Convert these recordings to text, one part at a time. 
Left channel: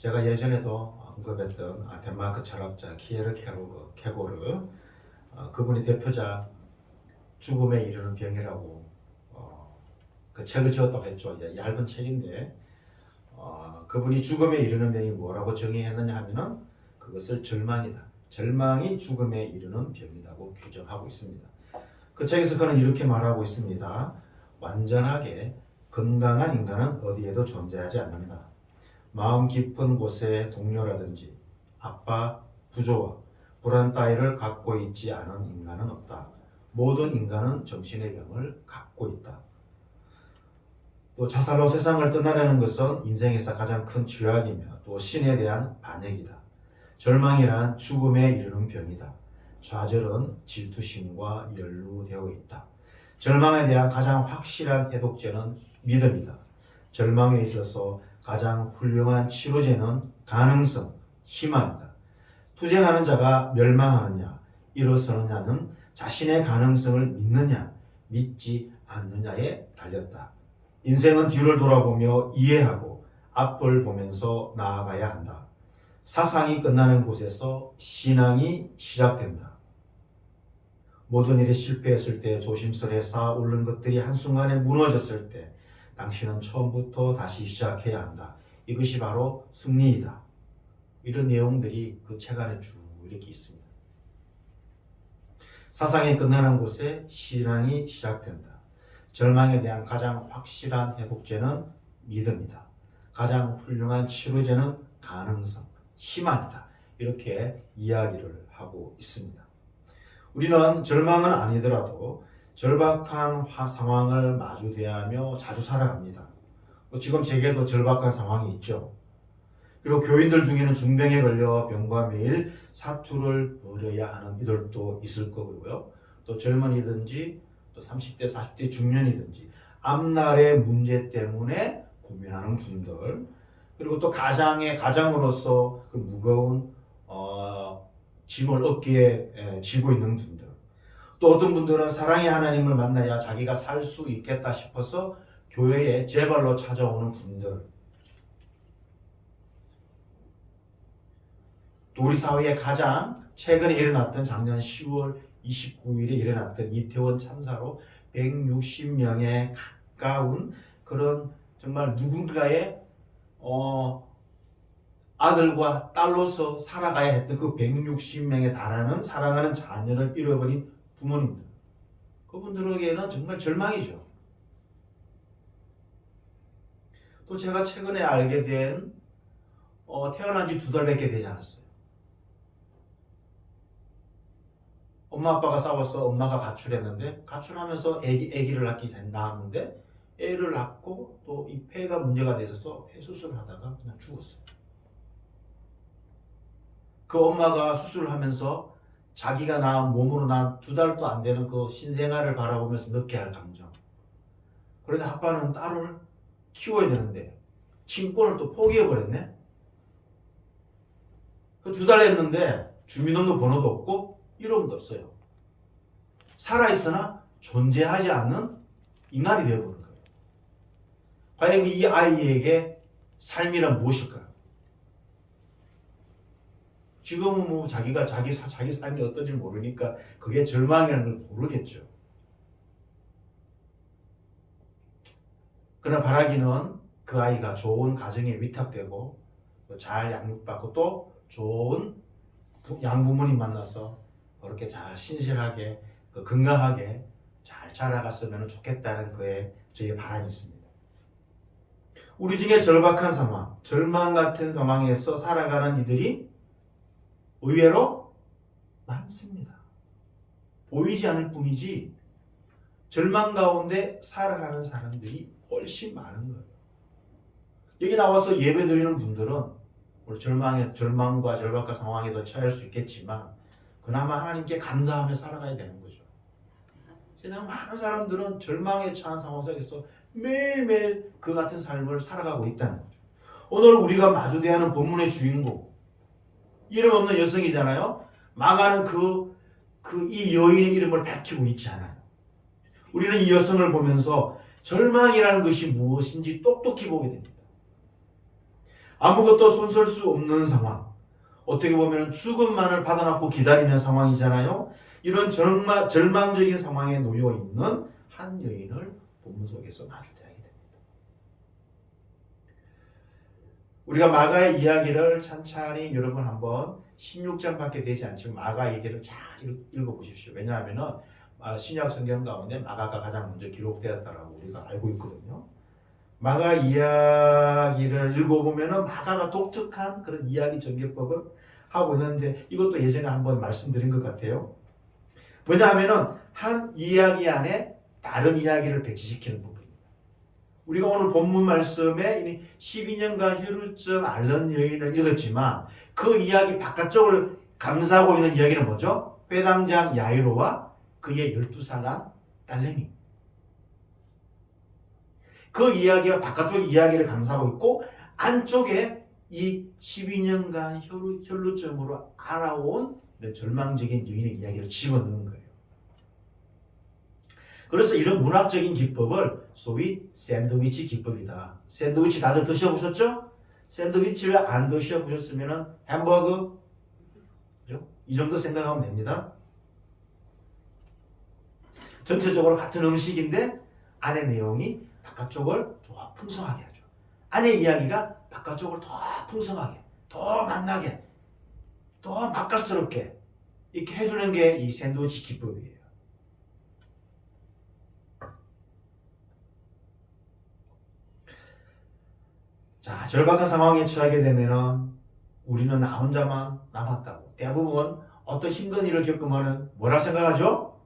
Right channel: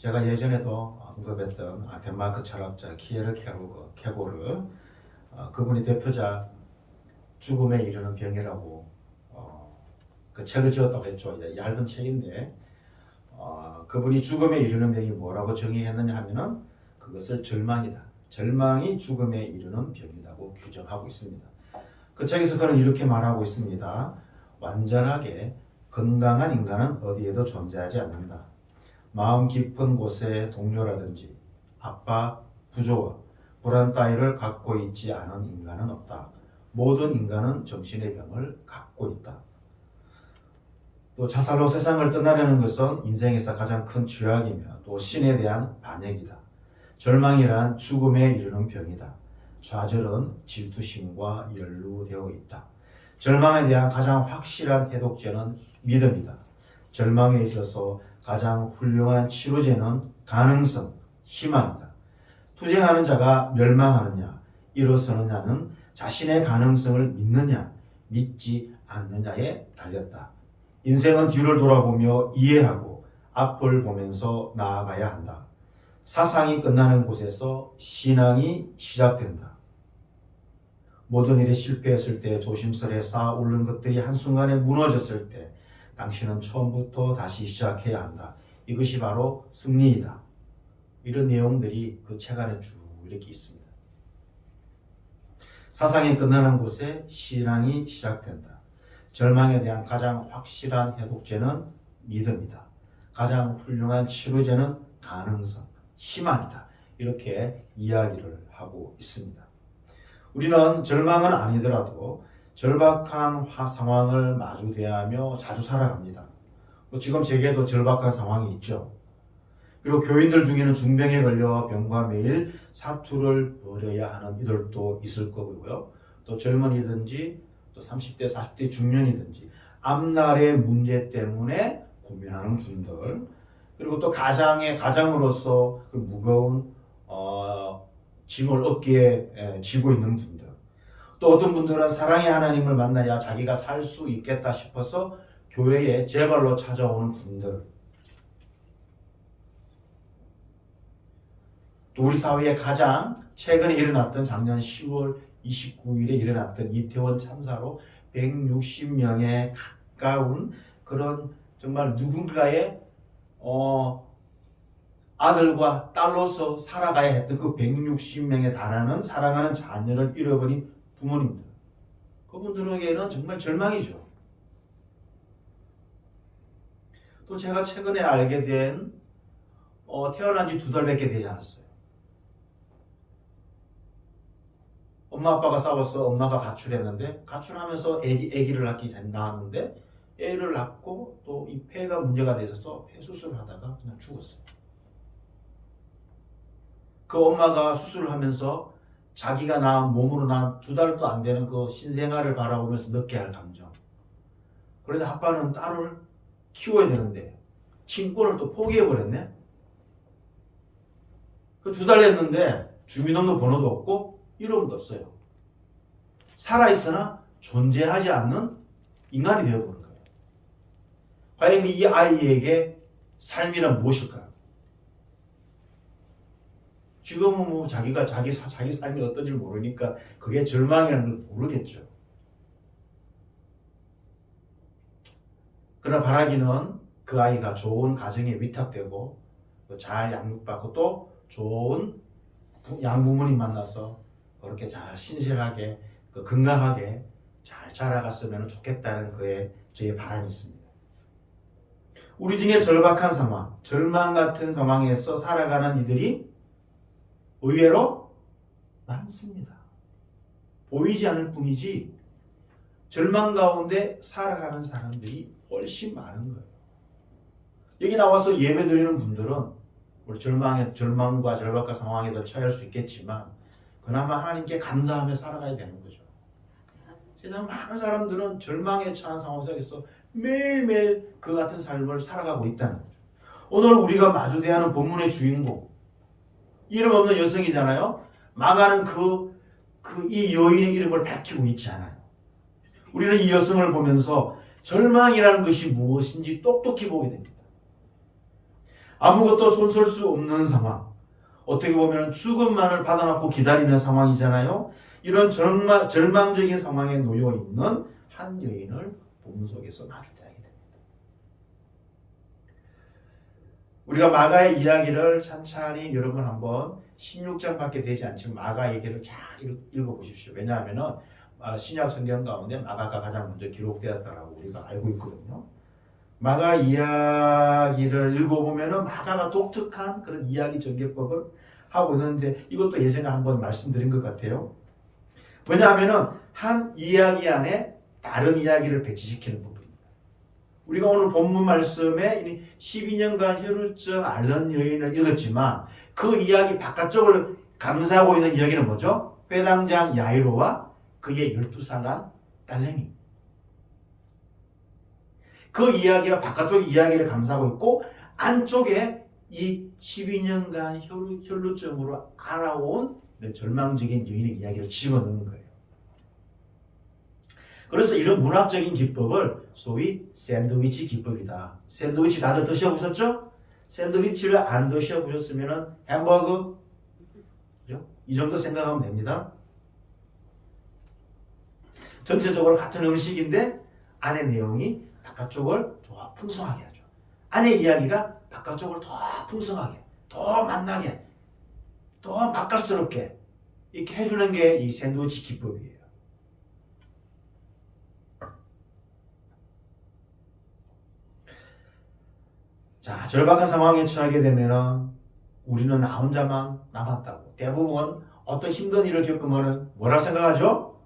제가 예전에도 언급했던 덴마크 철학자 케고르 그분이 대표작 죽음에 이르는 병이라고 그 책을 지었다고 했죠. 얇은 책인데 그분이 죽음에 이르는 병이 뭐라고 정의했느냐 하면은 그것을 절망이다. 절망이 죽음에 이르는 병이라고 규정하고 있습니다. 그 책에서 그는 이렇게 말하고 있습니다. 완전하게 건강한 인간은 어디에도 존재하지 않는다. 마음 깊은 곳에 동료라든지 압박, 부조와 불안 따위를 갖고 있지 않은 인간은 없다. 모든 인간은 정신의 병을 갖고 있다. 또 자살로 세상을 떠나려는 것은 인생에서 가장 큰 죄악이며 또 신에 대한 반역이다. 절망이란 죽음에 이르는 병이다. 좌절은 질투심과 연루되어 있다. 절망에 대한 가장 확실한 해독제는 믿음이다. 절망에 있어서 가장 훌륭한 치료제는 가능성, 희망이다. 투쟁하는 자가 멸망하느냐, 일어서느냐는 자신의 가능성을 믿느냐, 믿지 않느냐에 달렸다. 인생은 뒤를 돌아보며 이해하고 앞을 보면서 나아가야 한다. 사상이 끝나는 곳에서 신앙이 시작된다. 모든 일에 실패했을 때 조심스레 쌓아 올린 것들이 한순간에 무너졌을 때 당신은 처음부터 다시 시작해야 한다. 이것이 바로 승리이다. 이런 내용들이 그 책 안에 쭉 이렇게 있습니다. 사상이 끝나는 곳에 신앙이 시작된다. 절망에 대한 가장 확실한 회복제는 믿음이다. 가장 훌륭한 치료제는 가능성, 희망이다. 이렇게 이야기를 하고 있습니다. 우리는 절망은 아니더라도 절박한 상황을 마주대하며 자주 살아갑니다. 지금 제게도 절박한 상황이 있죠. 그리고 교인들 중에는 중병에 걸려 병과 매일 사투를 벌여야 하는 이들도 있을 거고요. 또 젊은이든지 또 30대, 40대 중년이든지 앞날의 문제 때문에 고민하는 분들, 그리고 또 가장으로서 그 무거운 짐을 어깨에 지고 있는 분들, 또 어떤 분들은 사랑의 하나님을 만나야 자기가 살 수 있겠다 싶어서 교회에 제발로 찾아오는 분들, 또 우리 사회에 가장 최근에 일어났던 작년 10월 29일에 일어났던 이태원 참사로 160명에 가까운 그런 정말 누군가의 아들과 딸로서 살아가야 했던 그 160명에 달하는 사랑하는 자녀를 잃어버린 부모님들, 그분들에게는 정말 절망이죠. 또 제가 최근에 알게 된 태어난 지 2달밖에 되지 않았어요. 엄마 아빠가 싸워서 엄마가 가출했는데, 가출하면서 아기를 낳았는데 애를 낳고 또 이 폐가 문제가 돼서 폐 수술을 하다가 그냥 죽었어요. 그 엄마가 수술을 하면서 자기가 낳은 몸으로 낳은 2달도 안 되는 그 신생아를 바라보면서 느껴야 할 감정. 그런데 아빠는 딸을 키워야 되는데 친권을 또 포기해버렸네. 그 2달 됐는데 주민등록 번호도 없고 이름도 없어요. 살아있으나 존재하지 않는 인간이 되어버린 거예요. 과연 이 아이에게 삶이란 무엇일까요? 지금은 뭐 자기가 자기 삶이 어떤지 모르니까 그게 절망이라는 걸 모르겠죠. 그러나 바라기는 그 아이가 좋은 가정에 위탁되고 잘 양육받고 또 좋은 양부모님 만나서 그렇게 잘 신실하게 건강하게 잘 자라갔으면 좋겠다는 저의 바람이 있습니다. 우리 중에 절박한 상황, 절망 같은 상황에서 살아가는 이들이 의외로 많습니다. 보이지 않을 뿐이지 절망 가운데 살아가는 사람들이 훨씬 많은 거예요. 여기 나와서 예배 드리는 분들은 우리 절망과 절박한 상황에 더 처할 수 있겠지만 그나마 하나님께 감사하며 살아가야 되는 거죠. 세상 많은 사람들은 절망에 처한 상황 속에서 매일매일 그 같은 삶을 살아가고 있다는 거죠. 오늘 우리가 마주대하는 본문의 주인공, 이름 없는 여성이잖아요. 망하는 이 여인의 이름을 밝히고 있지 않아요. 우리는 이 여성을 보면서 절망이라는 것이 무엇인지 똑똑히 보게 됩니다. 아무것도 손쓸 수 없는 상황. 어떻게 보면 죽음만을 받아놓고 기다리는 상황이잖아요. 이런 절망적인 상황에 놓여 있는 한 여인을 본문 속에서 마주대하게 됩니다. 우리가 마가의 이야기를 찬찬히 여러분 한번 16장밖에 되지 않지만 마가 얘기를 잘 읽어보십시오. 왜냐하면 신약 성경 가운데 마가가 가장 먼저 기록되었다라고 우리가 알고 있거든요. 마가 이야기를 읽어보면 마가가 독특한 그런 이야기 전개법을 하고 있는데 이것도 예전에 한번 말씀드린 것 같아요. 뭐냐하면 한 이야기 안에 다른 이야기를 배치시키는 부분입니다. 우리가 오늘 본문 말씀에 12년간 혈루증 앓는 여인을 읽었지만 그 이야기 바깥쪽을 감싸고 있는 이야기는 뭐죠? 회당장 야이로와 그의 12살 난 딸내미. 그 이야기가 바깥쪽 이야기를 감싸고 있고 안쪽에 이 12년간 혈루증으로 알아온 절망적인 여인의 이야기를 집어넣는 거예요. 그래서 이런 문학적인 기법을 소위 샌드위치 기법이다. 샌드위치 다들 드셔보셨죠? 샌드위치를 안 드셔보셨으면 햄버거 그죠? 이 정도 생각하면 됩니다. 전체적으로 같은 음식인데 안의 내용이 바깥쪽을 더 풍성하게 하죠. 안의 이야기가 바깥쪽을 더 풍성하게, 더 맛나게, 더 맛깔스럽게 이렇게 해주는 게 이 샌드위치 기법이에요. 자, 절박한 상황에 처하게 되면 우리는 나 혼자만 남았다고. 대부분 어떤 힘든 일을 겪으면 뭐라 생각하죠?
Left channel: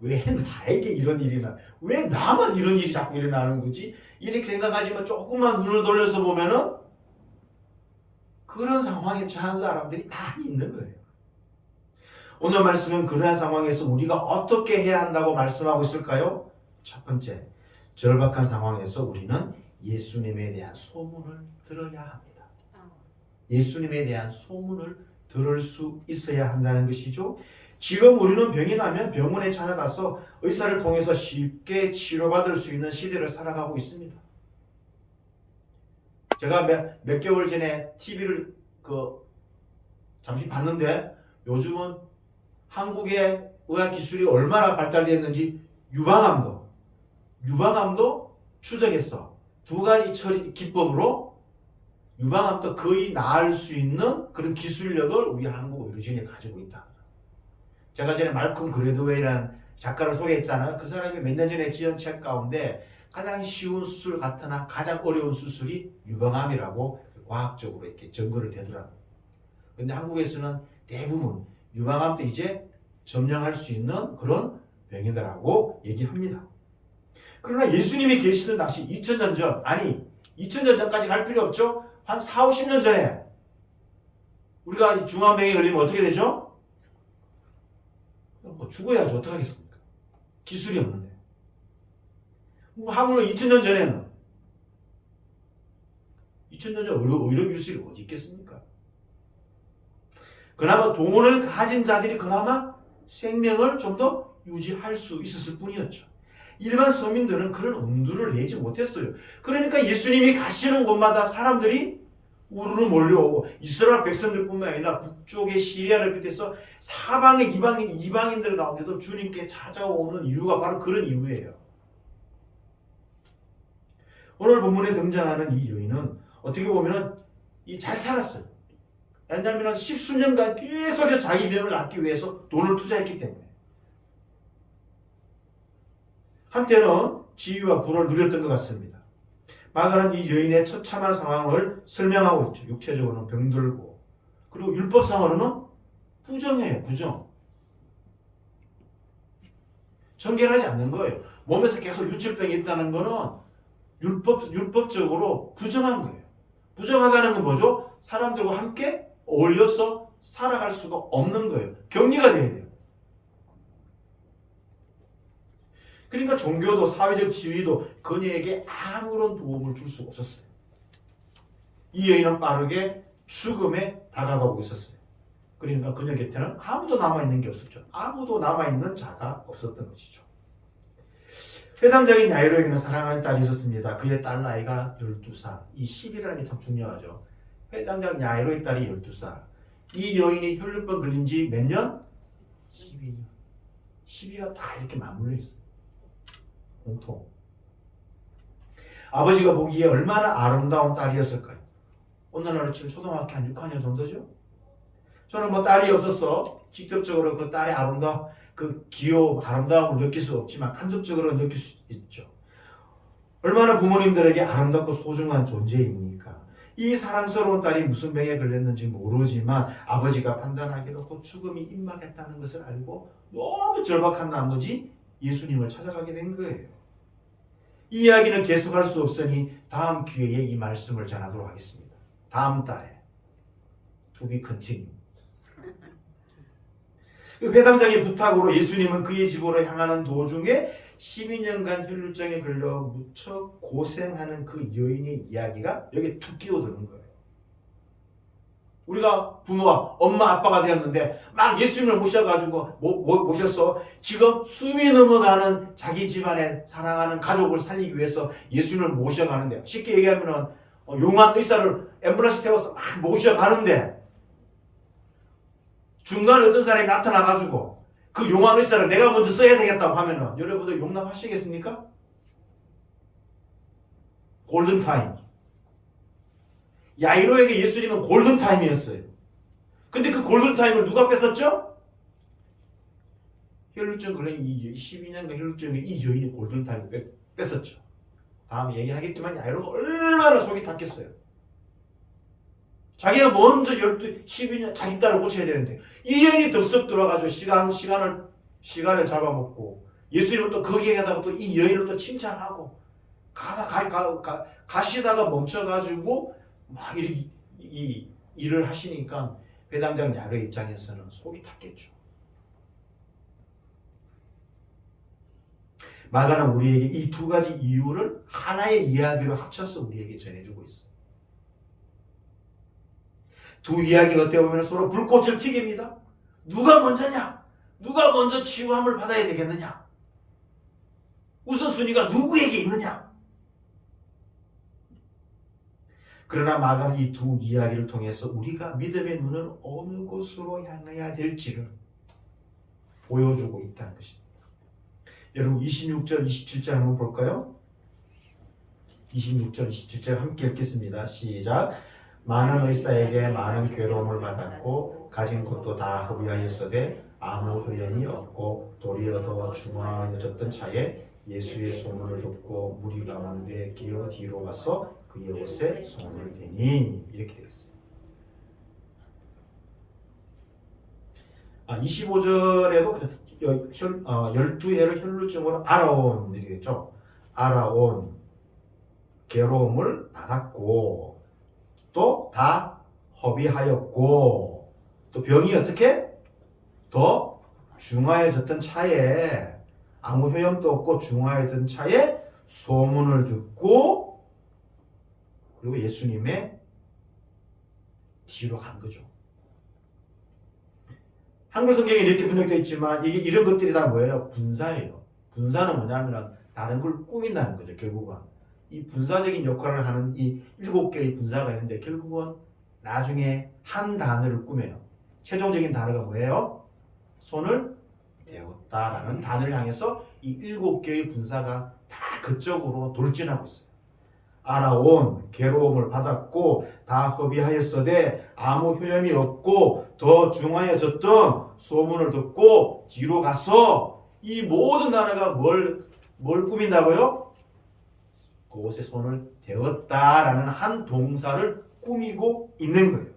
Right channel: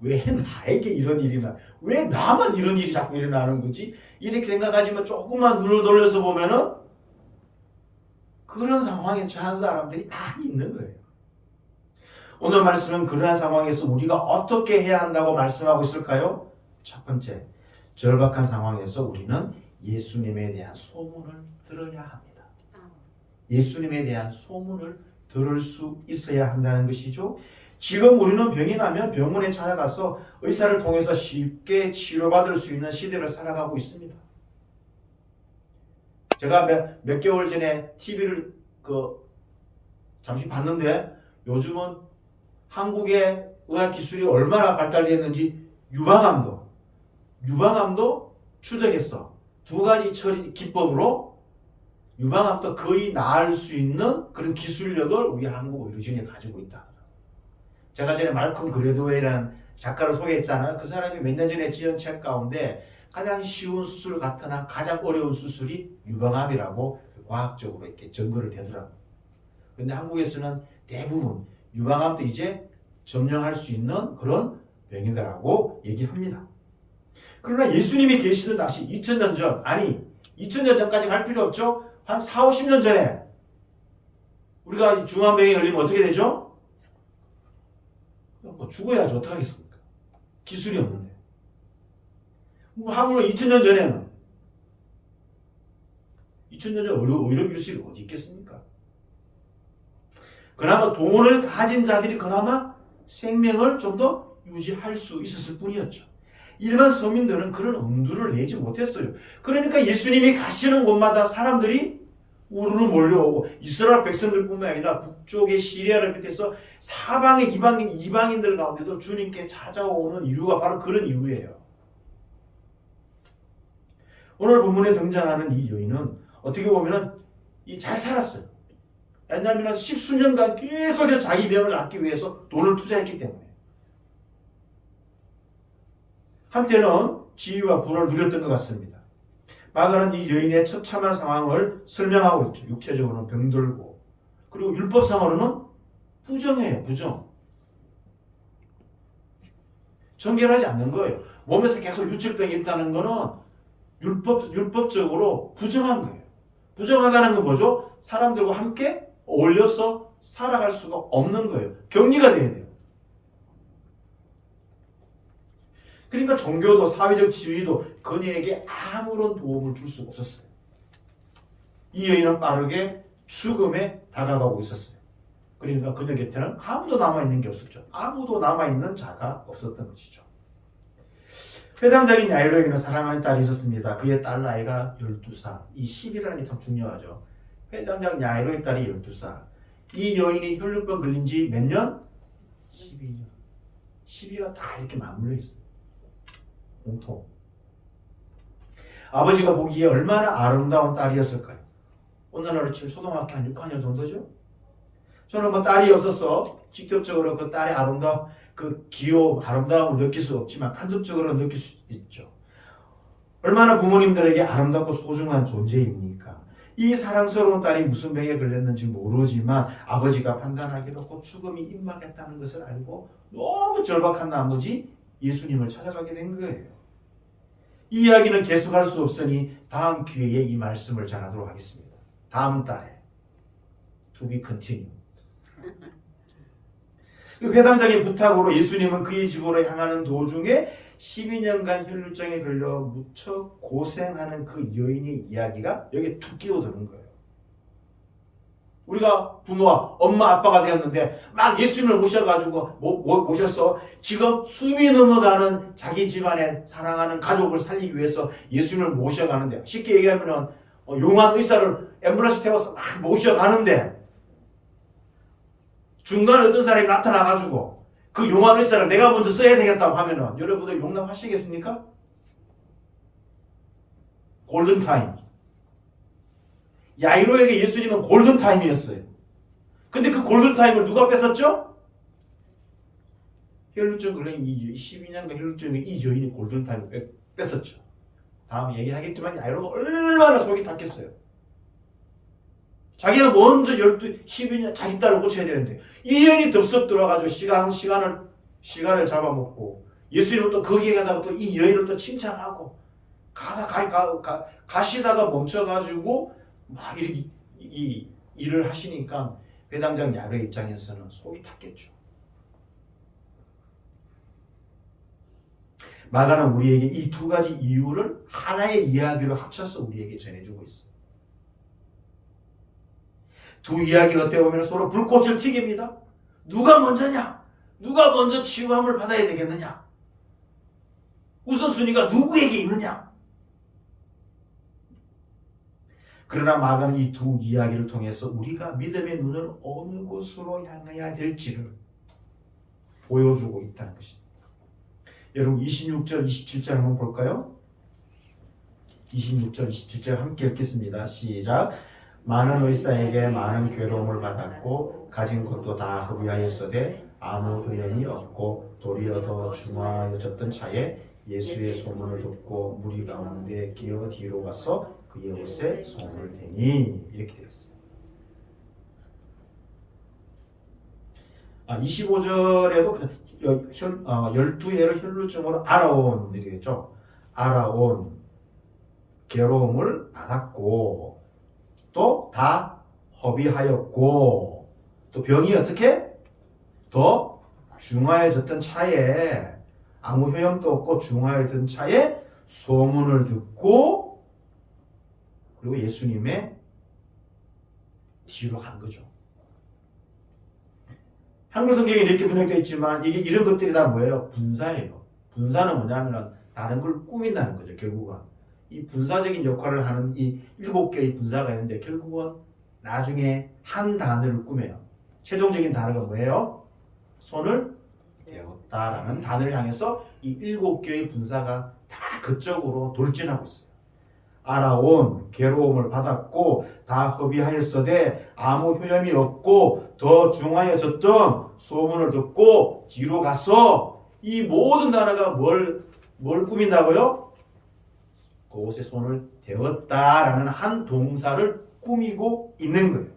왜 나에게 이런 일이 나? 왜 나만 이런 일이 자꾸 일어나는 거지? 이렇게 생각하지만 조금만 눈을 돌려서 보면은 그런 상황에 처한 사람들이 많이 있는 거예요. 오늘 말씀은 그러한 상황에서 우리가 어떻게 해야 한다고 말씀하고 있을까요? 첫 번째, 절박한 상황에서 우리는 예수님에 대한 소문을 들어야 합니다. 예수님에 대한 소문을 들을 수 있어야 한다는 것이죠. 지금 우리는 병이 나면 병원에 찾아가서 의사를 통해서 쉽게 치료받을 수 있는 시대를 살아가고 있습니다. 제가 몇 개월 전에 TV를 잠시 봤는데 요즘은 한국의 의학 기술이 얼마나 발달되었는지 유방암도 추적했어. 두 가지 처리 기법으로 유방암도 거의 나을 수 있는 그런 기술력을 우리 한국 의료진이 가지고 있다. 제가 전에 말콤 그레드웨이라는 작가를 소개했잖아요. 그 사람이 몇 년 전에 지은 책 가운데 가장 쉬운 수술 같으나 가장 어려운 수술이 유방암이라고 과학적으로 이렇게 증거를 대더라고요. 그런데 한국에서는 대부분 유방암도 이제 점령할 수 있는 그런 병이다라고 얘기합니다. 그러나 예수님이 계시는 당시 2000년 전, 아니 2000년 전까지 갈 필요 없죠. 한 4, 50년 전에 우리가 중환병에 걸리면 어떻게 되죠? 죽어야지 어떡하겠습니까? 기술이 없는데. 하물며 2000년 전에는 2000년 전 의료 기술이 어디 있겠습니까? 그나마 돈을 가진 자들이 그나마 생명을 좀 더 유지할 수 있었을 뿐이었죠. 일반 서민들은 그런 엄두를 내지 못했어요. 그러니까 예수님이 가시는 곳마다 사람들이 우르르 몰려오고 이스라엘 백성들뿐만 아니라 북쪽의 시리아를 비롯해서 사방의 이방인들 가운데도 주님께 찾아오는 이유가 바로 그런 이유예요. 오늘 본문에 등장하는 이 여인은 어떻게 보면 잘 살았어요. 왜냐하면 10수년간 계속 자기 병을 낫기 위해서 돈을 투자했기 때문에. 한때는 지위와 부를 누렸던 것 같습니다. 마가는 이 여인의 처참한 상황을 설명하고 있죠. 육체적으로는 병들고 그리고 율법상으로는 부정해요. 부정. 정결하지 않는 거예요. 몸에서 계속 유출병이 있다는 거는 율법적으로 부정한 거예요. 부정하다는 건 뭐죠? 사람들과 함께 어울려서 살아갈 수가 없는 거예요. 격리가 돼야 돼요. 그러니까 종교도 사회적 지위도 그녀에게 아무런 도움을 줄 수가 없었어요. 이 여인은 빠르게 죽음에 다가가고 있었어요. 그러니까 그녀 곁에는 아무도 남아있는 게 없었죠. 아무도 남아있는 자가 없었던 것이죠. 회당장인 야이로에게는 사랑하는 딸이 있었습니다. 그의 딸 나이가 12살. 이 10이라는 게 참 중요하죠. 회당장 야이로의 딸이 12살. 이 여인이 혈류병 걸린 지 몇 년? 12년. 12가 다 이렇게 맞물려 있어요. 공통. 아버지가 보기에 얼마나 아름다운 딸이었을까요? 오늘날로 치면 초등학교 한 6학년 정도죠? 저는 뭐 딸이 없어서 직접적으로 그 딸의 그 귀여움, 아름다움을 느낄 수 없지만 간접적으로 느낄 수 있죠. 얼마나 부모님들에게 아름답고 소중한 존재입니까? 이 사랑스러운 딸이 무슨 병에 걸렸는지 모르지만 아버지가 판단하기로 곧 죽음이 임박했다는 것을 알고 너무 절박한 나머지 예수님을 찾아가게 된 거예요. 이 이야기는 계속할 수 없으니 다음 기회에 이 말씀을 전하도록 하겠습니다. 다음 달에 to be continued. 회당장의 부탁으로 예수님은 그의 집으로 향하는 도중에 12년간 혈루증에 걸려 무척 고생하는 그 여인의 이야기가 여기에 툭 끼어드는 거예요. 우리가 부모와 엄마 아빠가 되었는데 막 예수님을 모셔서 지금 숨이 넘어가는 자기 집안에 사랑하는 가족을 살리기 위해서 예수님을 모셔가는데, 쉽게 얘기하면 용한 의사를 앰뷸런스 태워서 막 모셔가는데 중간에 어떤 사람이 나타나가지고 그 용한 의사를 내가 먼저 써야 되겠다고 하면은 여러분들 용납하시겠습니까? 골든타임. 야이로에게 예수님은 골든타임이었어요. 근데 그 골든타임을 누가 뺏었죠? 혈루증 걸린 12년간 혈루증의 이 여인이 골든타임을 뺏었죠. 다음에 얘기하겠지만 야이로가 얼마나 속이 탔겠어요. 자기가 먼저 12년 자기 딸을 고쳐야 되는데 이 여인이 덥석 들어와가지고 시간을 잡아먹고 예수님은 또 거기에 가다가 또 이 여인을 또 칭찬하고 가시다가 멈춰가지고 막 이렇게 이 일을 하시니까 회당장 야이로 입장에서는 속이 탔겠죠. 마가는 우리에게 이 두 가지 이유를 하나의 이야기로 합쳐서 우리에게 전해주고 있어요. 두 이야기가 어떻게 보면 서로 불꽃을 튀깁니다. 누가 먼저냐? 누가 먼저 치유함을 받아야 되겠느냐? 우선순위가 누구에게 있느냐? 그러나 마가는 이 두 이야기를 통해서 우리가 믿음의 눈을 어느 곳으로 향해야 될지를 보여주고 있다는 것입니다. 여러분 26절, 27절 한번 볼까요? 26절, 27절 함께 읽겠습니다. 시작. 많은 의사에게 많은 괴로움을 받았고 가진 것도 다 허비하였으되 아무 소용이 없고 도리어 더 중하여졌던 차에 예수의 소문을 듣고 무리 가운데 기어 뒤로 가서 그의 옷에 손을 대니, 이렇게 되어 있어요. 25절에도 12예를 혈루증으로 알아온, 이렇게 되죠. 알아온, 괴로움을 받았고 또 다 허비하였고 또 병이 어떻게 더 중하여졌던 차에, 아무 효염도 없고 중하여졌던 차에 소문을 듣고 그리고 예수님의 뒤로 간 거죠. 한글 성경에 이렇게 번역되어 있지만 이게 이런 것들이 다 뭐예요? 분사예요. 분사는 뭐냐면 다른 걸 꾸민다는 거죠. 결국은 이 분사적인 역할을 하는 이 7개의 분사가 있는데 결국은 나중에 한 단어를 꾸며요. 최종적인 단어가 뭐예요? 손을 대었다라는 단어를 향해서 이 7개의 분사가 다 그쪽으로 돌진하고 있어요. 알아온, 괴로움을 받았고 다 허비하였으되 아무 효염이 없고 더 중하여졌던 소문을 듣고 뒤로 가서, 이 모든 단어가 뭘 꾸민다고요? 그곳에 손을 대었다라는 한 동사를 꾸미고 있는 거예요.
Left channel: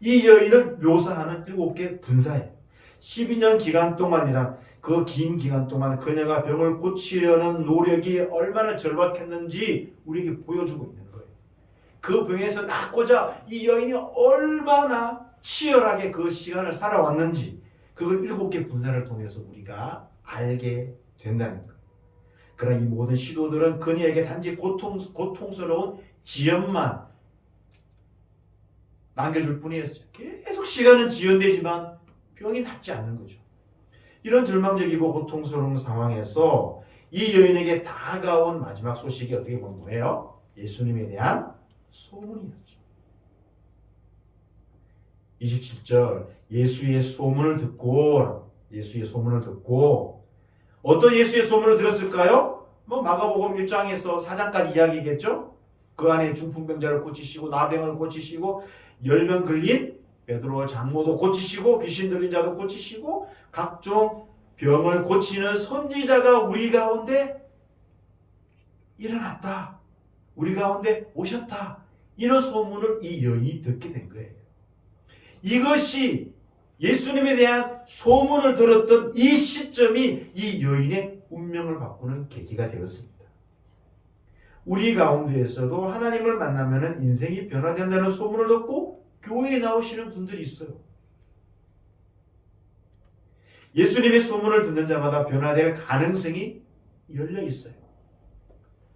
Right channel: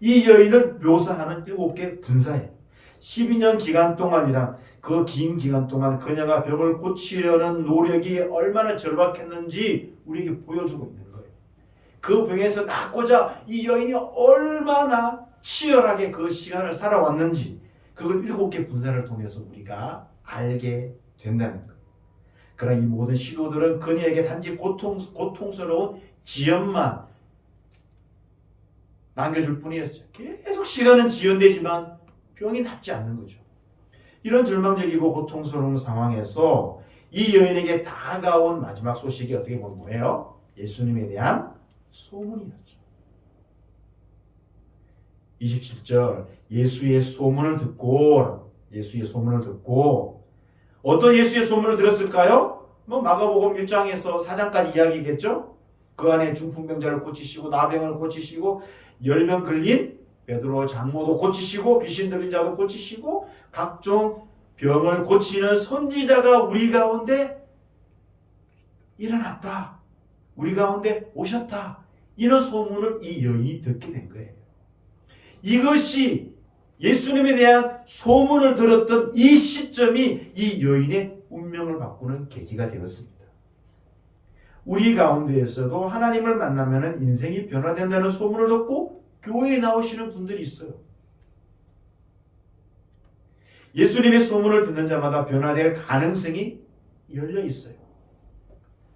이 여인을 묘사하는 7개 분사예요. 12년 기간 동안이란 그 긴 기간 동안 그녀가 병을 고치려는 노력이 얼마나 절박했는지 우리에게 보여주고 있는 거예요. 그 병에서 낫고자 이 여인이 얼마나 치열하게 그 시간을 살아왔는지 그걸 7개 분사를 통해서 우리가 알게 된다는 거예요. 그러나 이 모든 시도들은 그녀에게 단지 고통스러운 지연만 남겨줄 뿐이었어요. 계속 시간은 지연되지만 병이 낫지 않는 거죠. 이런 절망적이고 고통스러운 상황에서 이 여인에게 다가온 마지막 소식이 어떻게 보면 뭐예요? 예수님에 대한 소문이었죠. 27절 예수의 소문을 듣고 어떤 예수의 소문을 들었을까요? 마가복음 1장에서 4장까지 이야기겠죠? 그 안에 중풍병자를 고치시고 나병을 고치시고 열명 걸린 베드로 장모도 고치시고 귀신 들린 자도 고치시고 각종 병을 고치는 선지자가 우리 가운데 일어났다. 우리 가운데 오셨다. 이런 소문을 이 여인이 듣게 된 거예요. 이것이 예수님에 대한 소문을 들었던 이 시점이 이 여인의 운명을 바꾸는 계기가 되었습니다. 우리 가운데에서도 하나님을 만나면 인생이 변화된다는 소문을 듣고 교회에 나오시는 분들이 있어요. 예수님의 소문을 듣는 자마다 변화될 가능성이 열려 있어요.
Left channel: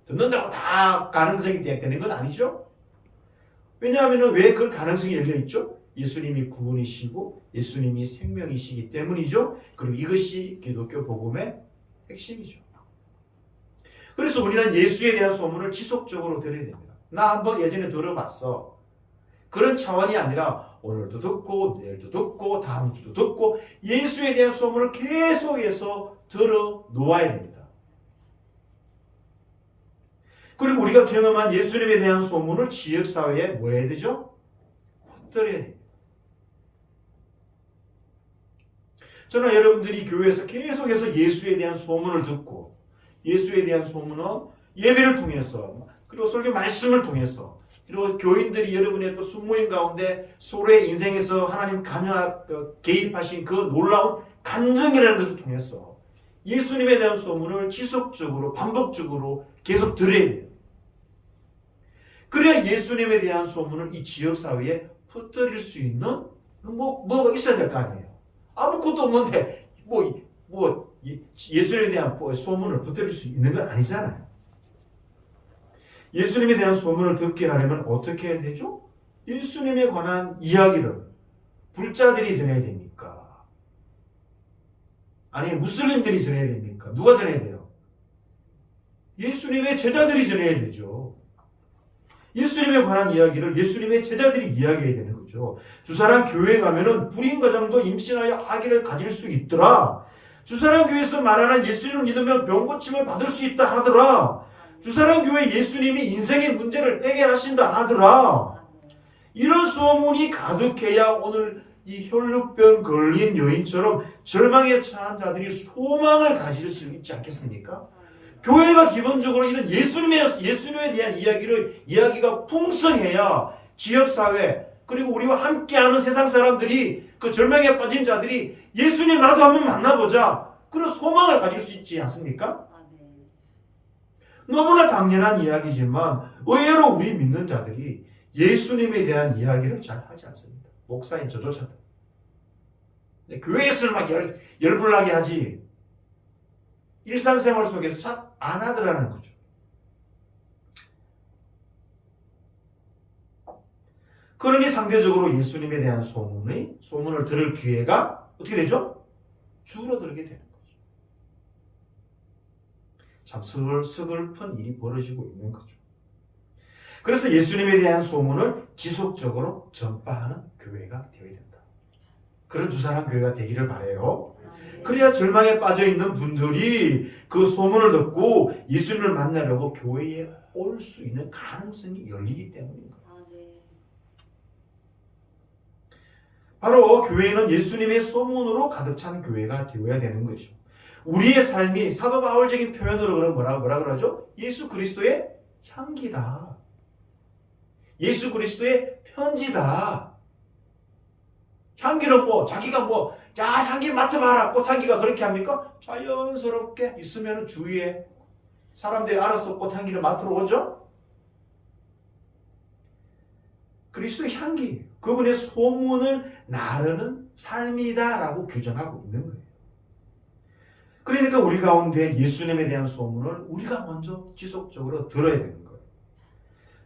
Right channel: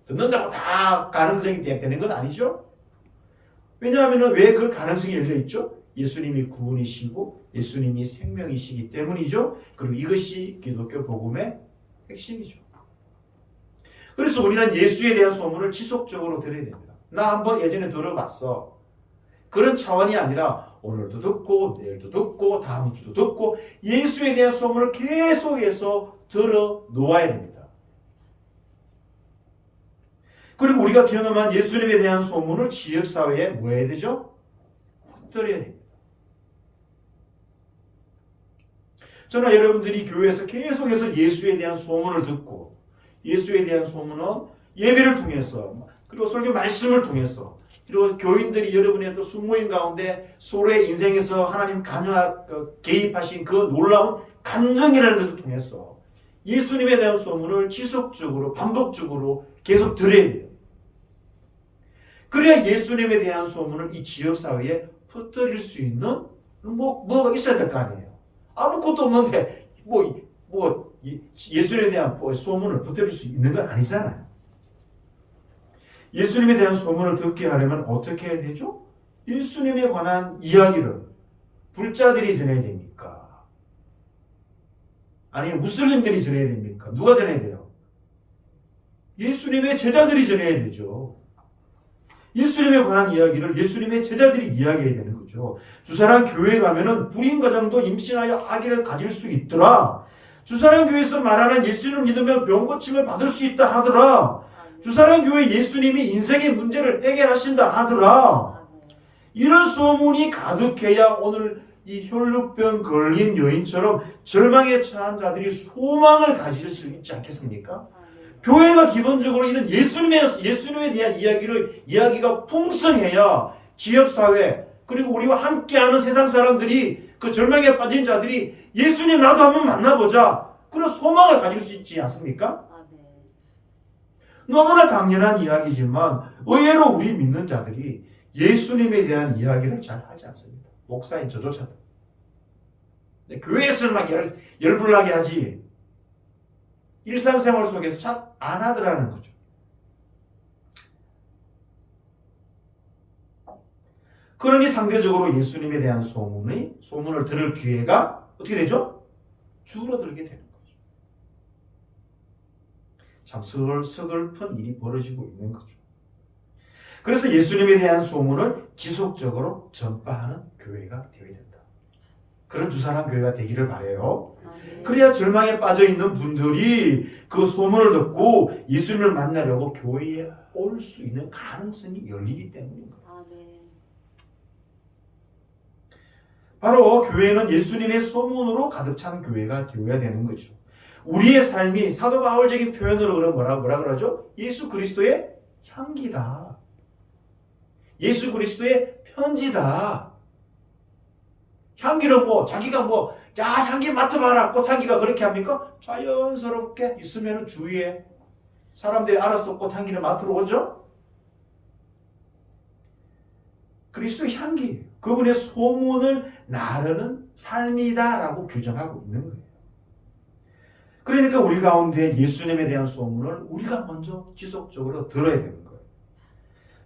듣는다고 다 가능성이 되는 건 아니죠. 왜냐하면 왜 그 가능성이 열려 있죠? 예수님이 구원이시고 예수님이 생명이시기 때문이죠. 그리고 이것이 기독교 복음의 핵심이죠. 그래서 우리는 예수에 대한 소문을 지속적으로 들어야 됩니다. 나 한번 예전에 들어봤어. 그런 차원이 아니라 오늘도 듣고 내일도 듣고 다음 주도 듣고 예수에 대한 소문을 계속해서 들어 놓아야 됩니다. 그리고 우리가 경험한 예수님에 대한 소문을 지역사회에 뭐 해야 되죠? 퍼뜨려야 됩니다. 저는 여러분들이 교회에서 계속해서 예수에 대한 소문을 듣고 예수에 대한 소문은 예배를 통해서 그리고 설교 말씀을 통해서 그리고 교인들이 여러분의 또 숙모인 가운데 서로의 인생에서 하나님 개입하신 그 놀라운 감정이라는 것을 통해서 예수님에 대한 소문을 지속적으로 반복적으로 계속 들어야 돼요. 그래야 예수님에 대한 소문을 이 지역사회에 퍼뜨릴 수 있는 뭐가 있어야 될 거 아니에요. 아무것도 없는데 예수님에 대한 소문을 퍼뜨릴 수 있는 건 아니잖아요. 예수님에 대한 소문을 듣게 하려면 어떻게 해야 되죠? 예수님에 관한 이야기를 불자들이 전해야 됩니까? 아니면 무슬림들이 전해야 됩니까? 누가 전해야 돼요? 예수님의 제자들이 전해야 되죠. 예수님에 관한 이야기를 예수님의 제자들이 이야기해야 되는 거죠. 주사랑 교회에 가면은 불임 가정도 임신하여 아기를 가질 수 있더라. 주사랑 교회에서 말하는 예수님을 믿으면 병고침을 받을 수 있다 하더라. 주사랑 교회 예수님이 인생의 문제를 해결하신다 하더라. 이런 소문이 가득해야 오늘 이 혈루병 걸린 여인처럼 절망에 처한 자들이 소망을 가질 수 있지 않겠습니까? 교회가 기본적으로 이런 예수님에 대한 이야기가 풍성해야 지역사회 그리고 우리와 함께하는 세상 사람들이 그 절망에 빠진 자들이 예수님 나도 한번 만나보자 그런 소망을 가질 수 있지 않습니까? 너무나 당연한 이야기지만 의외로 우리 믿는 자들이 예수님에 대한 이야기를 잘 하지 않습니다. 목사인 저조차도. 교회에서는 막 열불나게 하지 일상생활 속에서 잘 안 하더라는 거죠. 그러니 상대적으로 예수님에 대한 소문을 들을 기회가 어떻게 되죠? 줄어들게 되는 거죠. 참 서글픈 일이 벌어지고 있는 거죠. 그래서 예수님에 대한 소문을 지속적으로 전파하는 교회가 되어야 된다. 그런 주사랑 교회가 되기를 바라요. 그래야 절망에 빠져있는 분들이 그 소문을 듣고 예수님을 만나려고 교회에 올 수 있는 가능성이 열리기 때문인 거예요. 바로 교회는 예수님의 소문으로 가득 찬 교회가 되어야 되는 거죠. 우리의 삶이 사도 바울적인 표현으로 뭐라 그러죠? 예수 그리스도의 향기다. 예수 그리스도의 편지다. 향기는 자기가 향기 맡아봐라. 꽃향기가 그렇게 합니까? 자연스럽게 있으면 주위에 사람들이 알아서 꽃향기를 맡으러 오죠? 그리스도의 향기, 그분의 소문을 나르는 삶이다라고 규정하고 있는 거예요. 그러니까 우리 가운데 예수님에 대한 소문을 우리가 먼저 지속적으로 들어야 되는 거예요.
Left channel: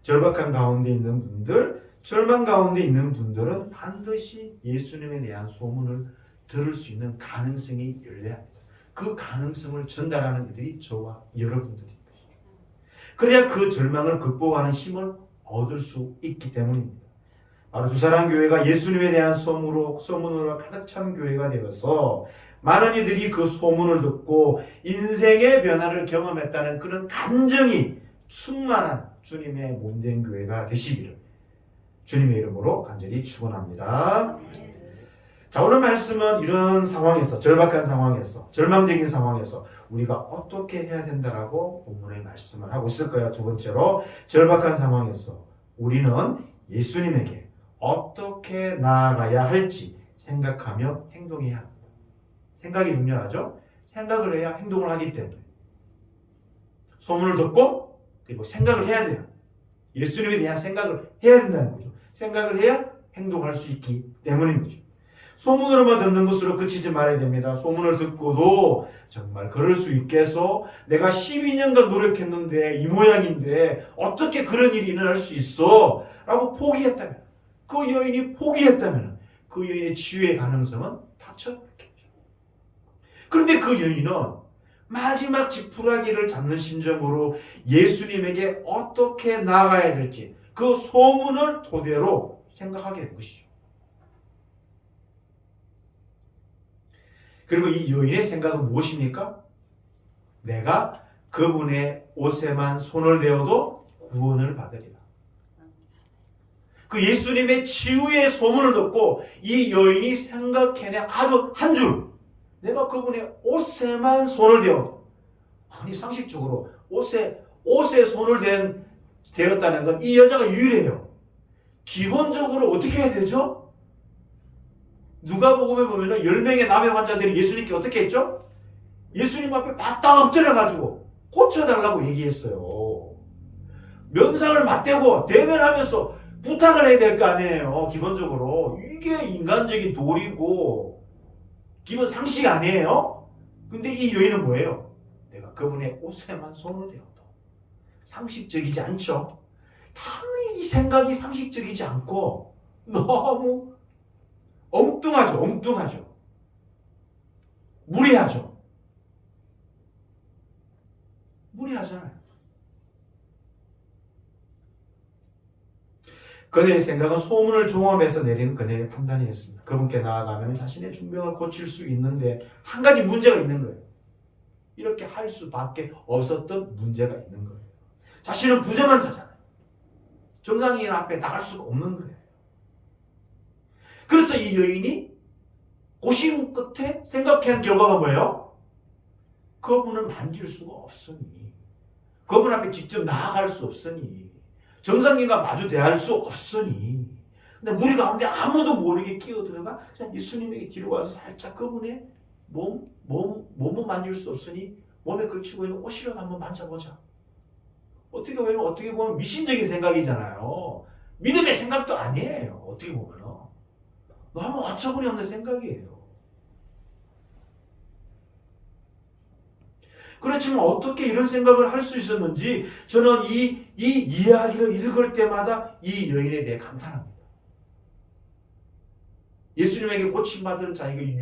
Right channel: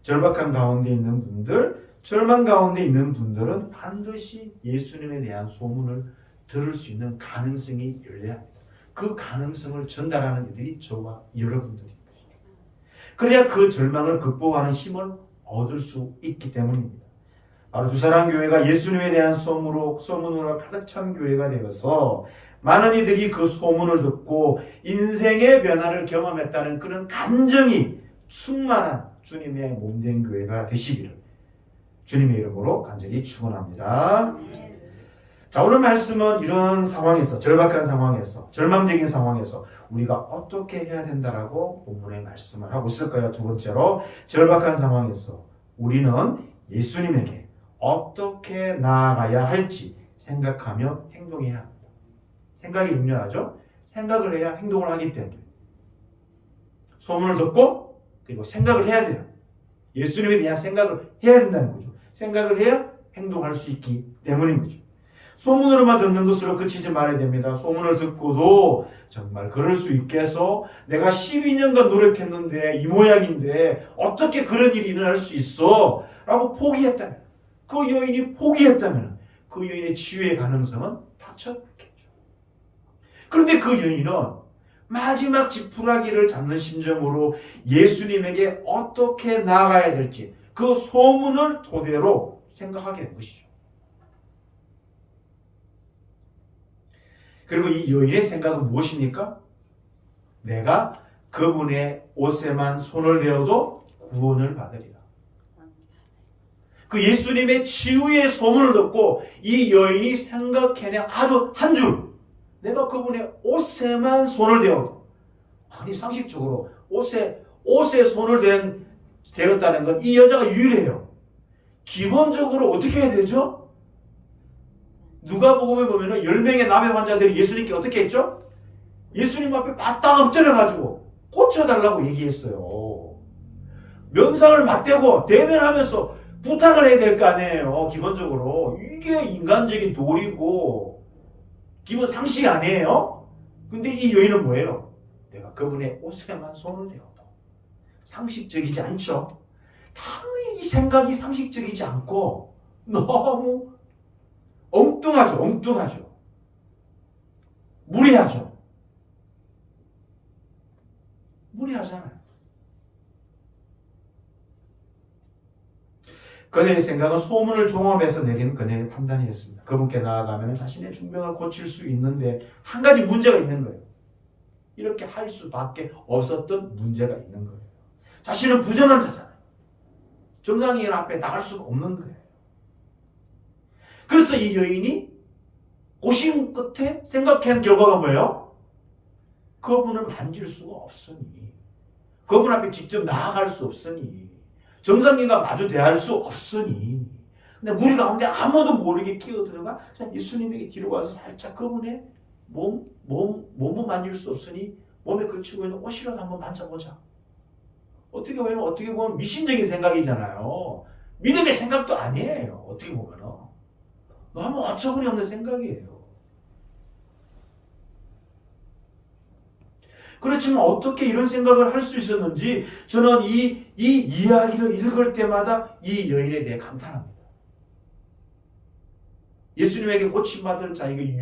절박한 가운데 있는 분들, 절망 가운데 있는 분들은 반드시 예수님에 대한 소문을 들을 수 있는 가능성이 열려야 합니다. 그 가능성을 전달하는 이들이 저와 여러분들인 것이죠. 그래야 그 절망을 극복하는 힘을 얻을 수 있기 때문입니다. 바로 주사랑 교회가 예수님에 대한 소문으로 가득 찬 교회가 되어서 많은 이들이 그 소문을 듣고 인생의 변화를 경험했다는 그런 감정이 충만한 주님의 몸된 교회가 되시기를 주님의 이름으로 간절히 축원합니다. 자, 오늘 말씀은 이런 상황에서, 절박한 상황에서, 절망적인 상황에서 우리가 어떻게 해야 된다라고 본문의 말씀을 하고 있을까요? 두 번째로, 절박한 상황에서 우리는 예수님에게 어떻게 나아가야 할지 생각하며 행동해야 합니다. 생각이 중요하죠? 생각을 해야 행동을 하기 때문에. 소문을 듣고 그리고 생각을 해야 돼요. 예수님에 대한 생각을 해야 된다는 거죠. 생각을 해야 행동할 수 있기 때문인 거죠. 소문으로만 듣는 것으로 그치지 말아야 됩니다. 소문을 듣고도 정말 그럴 수 있겠어? 내가 12년간 노력했는데 이 모양인데 어떻게 그런 일이 일어날 수 있어? 라고 포기했다면, 그 여인이 포기했다면 그 여인의 치유의 가능성은 닫혀버렸겠죠. 그런데 그 여인은 마지막 지푸라기를 잡는 심정으로 예수님에게 어떻게 나아가야 될지 그 소문을 토대로 생각하게 된 것이죠. 그리고 이 여인의 생각은 무엇입니까? 내가 그분의 옷에만 손을 대어도 구원을 받으리라. 그 예수님의 치유의 소문을 듣고 이 여인이 생각해내 아주 한 줄, 내가 그분의 옷에만 손을 대어도, 아니 상식적으로 옷에 손을 대었다는 건 이 여자가 유일해요. 기본적으로 어떻게 해야 되죠? 누가복음에 보면은 10명의 남의 환자들이 예수님께 어떻게 했죠? 예수님 앞에 바짝 엎드려가지고 고쳐달라고 얘기했어요. 면상을 맞대고 대면하면서 부탁을 해야 될 거 아니에요. 기본적으로 이게 인간적인 도리고 기본 상식 아니에요? 근데 이 여인은 뭐예요? 내가 그분의 옷에만 손을 대어도 상식적이지 않죠? 당연히 이 생각이 상식적이지 않고 너무 엉뚱하죠. 무리하잖아요. 그녀의 생각은 소문을 종합해서 내린 그녀의 판단이었습니다. 그분께 나아가면 자신의 중병을 고칠 수 있는데 한 가지 문제가 있는 거예요. 이렇게 할 수밖에 없었던 문제가 있는 거예요. 자신은 부정한 자잖아요. 정상인 앞에 나갈 수가 없는 거예요. 그래서 이 여인이 고심 끝에 생각한 결과가 뭐예요? 그분을 만질 수가 없으니, 그분 앞에 직접 나아갈 수 없으니, 정상인과 마주 대할 수 없으니, 근데 무리 가운데 아무도 모르게 끼어들어가 그냥 예수님에게 뒤로 와서 살짝 그분의 몸을 만질 수 없으니 몸에 걸치고 있는 옷이라도 한번 만져보자. 어떻게 보면 미신적인 생각이잖아요. 믿음의 생각도 아니에요. 어떻게 보면 너무 어처구니 없는 생각이에요. 그렇지만 어떻게 이런 생각을 할 수 있었는지 저는 이 이야기를 읽을 때마다 이 여인에 대해 감탄합니다. 예수님에게 고침받을 자에게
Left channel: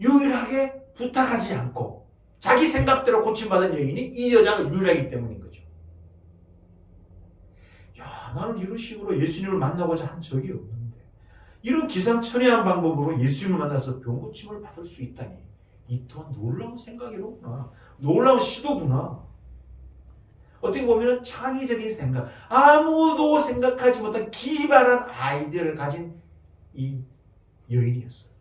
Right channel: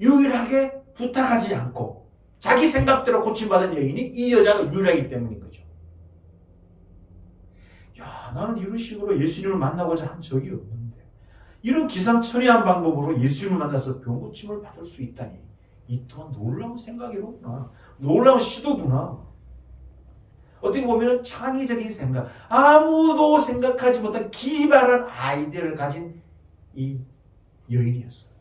유일하게 부탁하지 않고 자기 생각대로 고침받은 여인이 이 여자가 유일하기 때문인 거죠. 야, 나는 이런 식으로 예수님을 만나고자 한 적이 없는데 이런 기상천외한 방법으로 예수님을 만나서 병고침을 받을 수 있다니 이 또한 놀라운 생각이로구나. 놀라운 시도구나. 어떻게 보면 창의적인 생각, 아무도 생각하지 못한 기발한 아이디어를 가진 이 여인이었어요.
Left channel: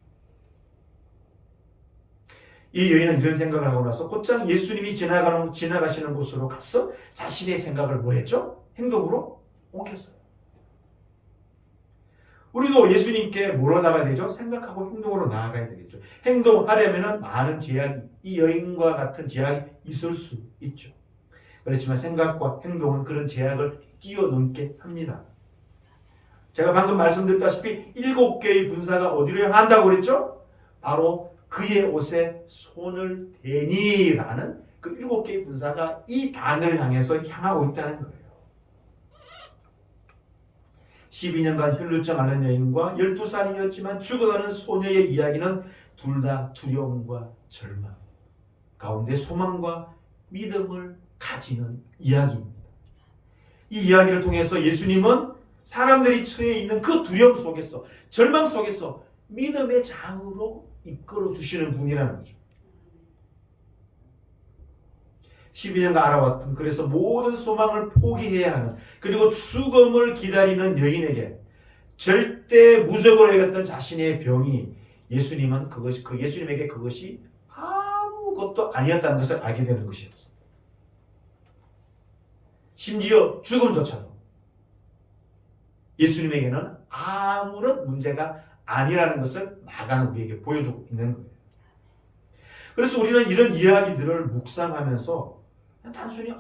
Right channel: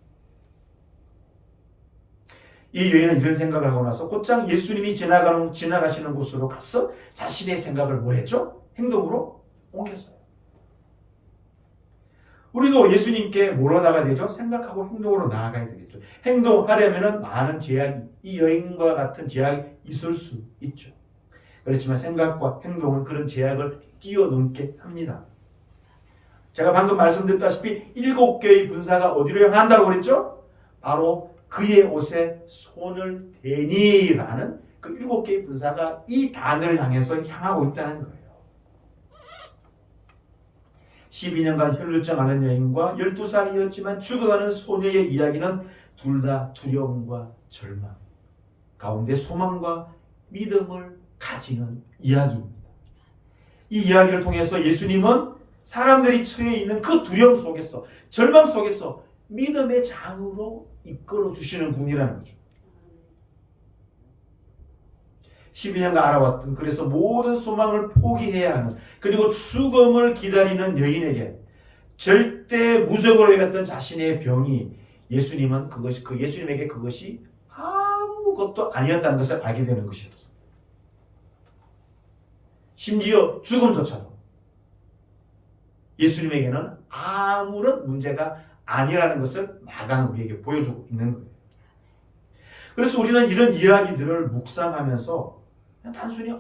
이 여인은 이런 생각을 하고 나서 곧장 예수님이 지나가시는 곳으로 가서 자신의 생각을 뭐 했죠? 행동으로 옮겼어요. 우리도 예수님께 뭐로 나가야 되죠? 생각하고 행동으로 나아가야 되겠죠. 행동하려면 많은 제약이, 이 여인과 같은 제약이 있을 수 있죠. 그렇지만 생각과 행동은 그런 제약을 뛰어넘게 합니다. 제가 방금 말씀드렸다시피 7개의 군사가 어디로 향한다고 그랬죠? 바로 그의 옷에 손을 대니라는 그 7개의 군사가 이 단을 향해서 향하고 있다는 거예요. 12년간 혈루증 앓는 여인과 12살이었지만 죽어가는 소녀의 이야기는 둘 다 두려움과 절망 가운데 소망과 믿음을 가지는 이야기입니다. 이 이야기를 통해서 예수님은 사람들이 처해 있는 그 두려움 속에서, 절망 속에서 믿음의 장으로 이끌어 주시는 분이라는 거죠. 12년간 알아왔던, 그래서 모든 소망을 포기해야 하는, 그리고 죽음을 기다리는 여인에게 절대 무적으로 여겼던 자신의 병이 예수님은 예수님에게 그것이 아무것도 아니었다는 것을 알게 되는 것이었습니다. 심지어 죽음조차도 예수님에게는 아무런 문제가 아니라는 것을 마가는 우리에게 보여주고 있는 거예요. 그래서 우리는 이런 이야기들을 묵상하면서 단순히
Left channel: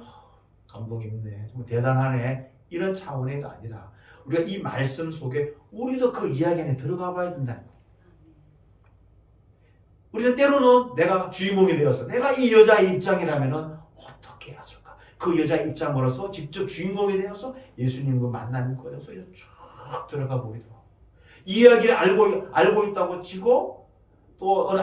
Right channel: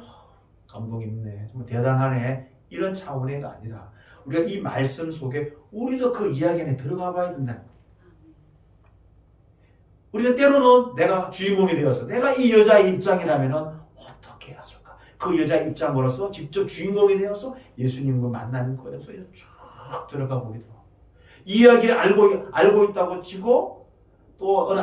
감동 있네, 좀 대단하네, 이런 차원의가 아니라 우리가 이 말씀 속에 우리도 그 이야기 안에 들어가 봐야 된다는 거예요. 우리는 때로는 내가 주인공이 되어서 내가 이 여자의 입장이라면 어떻게 했을까? 그 여자의 입장으로서 직접 주인공이 되어서 예수님과 만나는 거에 대해서 쭉 들어가 보기도 하고, 이야기를 알고 있다고 치고 또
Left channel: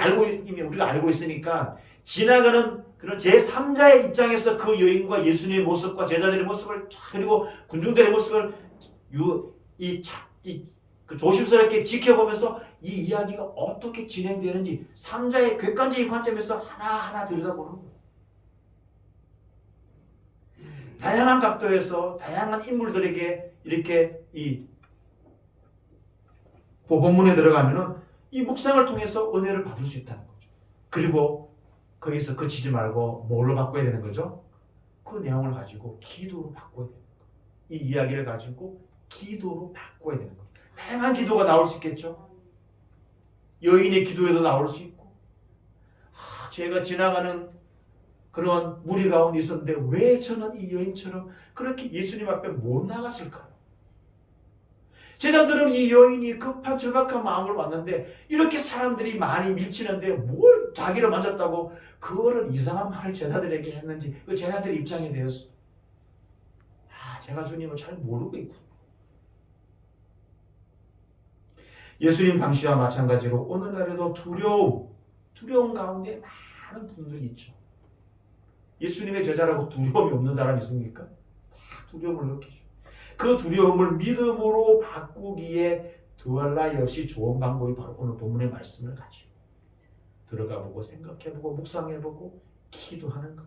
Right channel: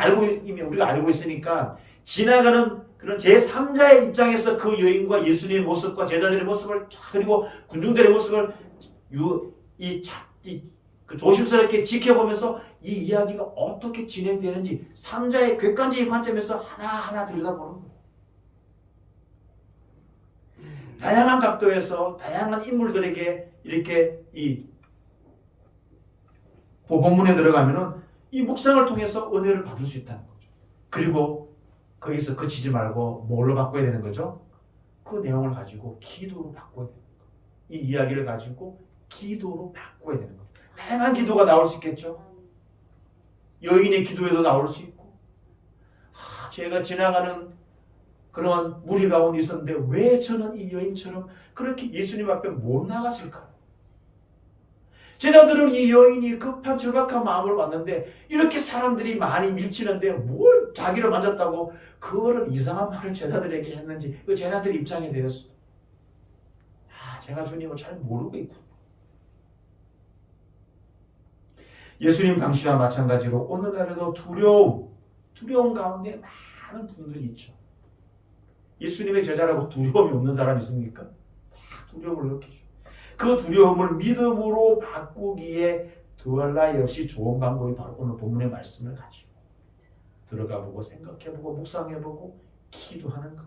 이미 우리가 알고 있으니까 지나가는 그런 제3자의 입장에서 그 여인과 예수님의 모습과 제자들의 모습을, 그리고 군중들의 모습을 조심스럽게 지켜보면서 이 이야기가 어떻게 진행되는지 3자의 객관적인 관점에서 하나하나 들여다보는 거예요. 다양한 각도에서 다양한 인물들에게 이렇게 이 본문에 들어가면은 이 묵상을 통해서 은혜를 받을 수 있다는 거죠. 그리고 거기서 그치지 말고 뭘로 바꿔야 되는 거죠? 그 내용을 가지고 기도로 바꿔야 되는 거예요. 이 이야기를 가지고 기도로 바꿔야 되는 거예요. 다양한 기도가 나올 수 있겠죠. 여인의 기도에도 나올 수 있고, 제가 지나가는 그런 무리 가운데 있었는데 왜 저는 이 여인처럼 그렇게 예수님 앞에 못 나갔을까? 제자들은 이 여인이 급한 절박한 마음을 봤는데 이렇게 사람들이 많이 밀치는데 뭘 자기를 만졌다고 그거를 이상한 말을 제자들에게 했는지 그 제자들의 입장이 되었어. 제가 주님을 잘 모르고 있군요. 예수님 당시와 마찬가지로 오늘날에도 두려움 가운데 많은 분들이 있죠. 예수님의 제자라고 두려움이 없는 사람이 있습니까? 다 두려움을 느끼죠. 그 두려움을 믿음으로 바꾸기에 두할 나위 없이 좋은 방법이 바로 오늘 본문의 말씀을 가지고 들어가보고 생각해보고 묵상해보고 기도하는 것.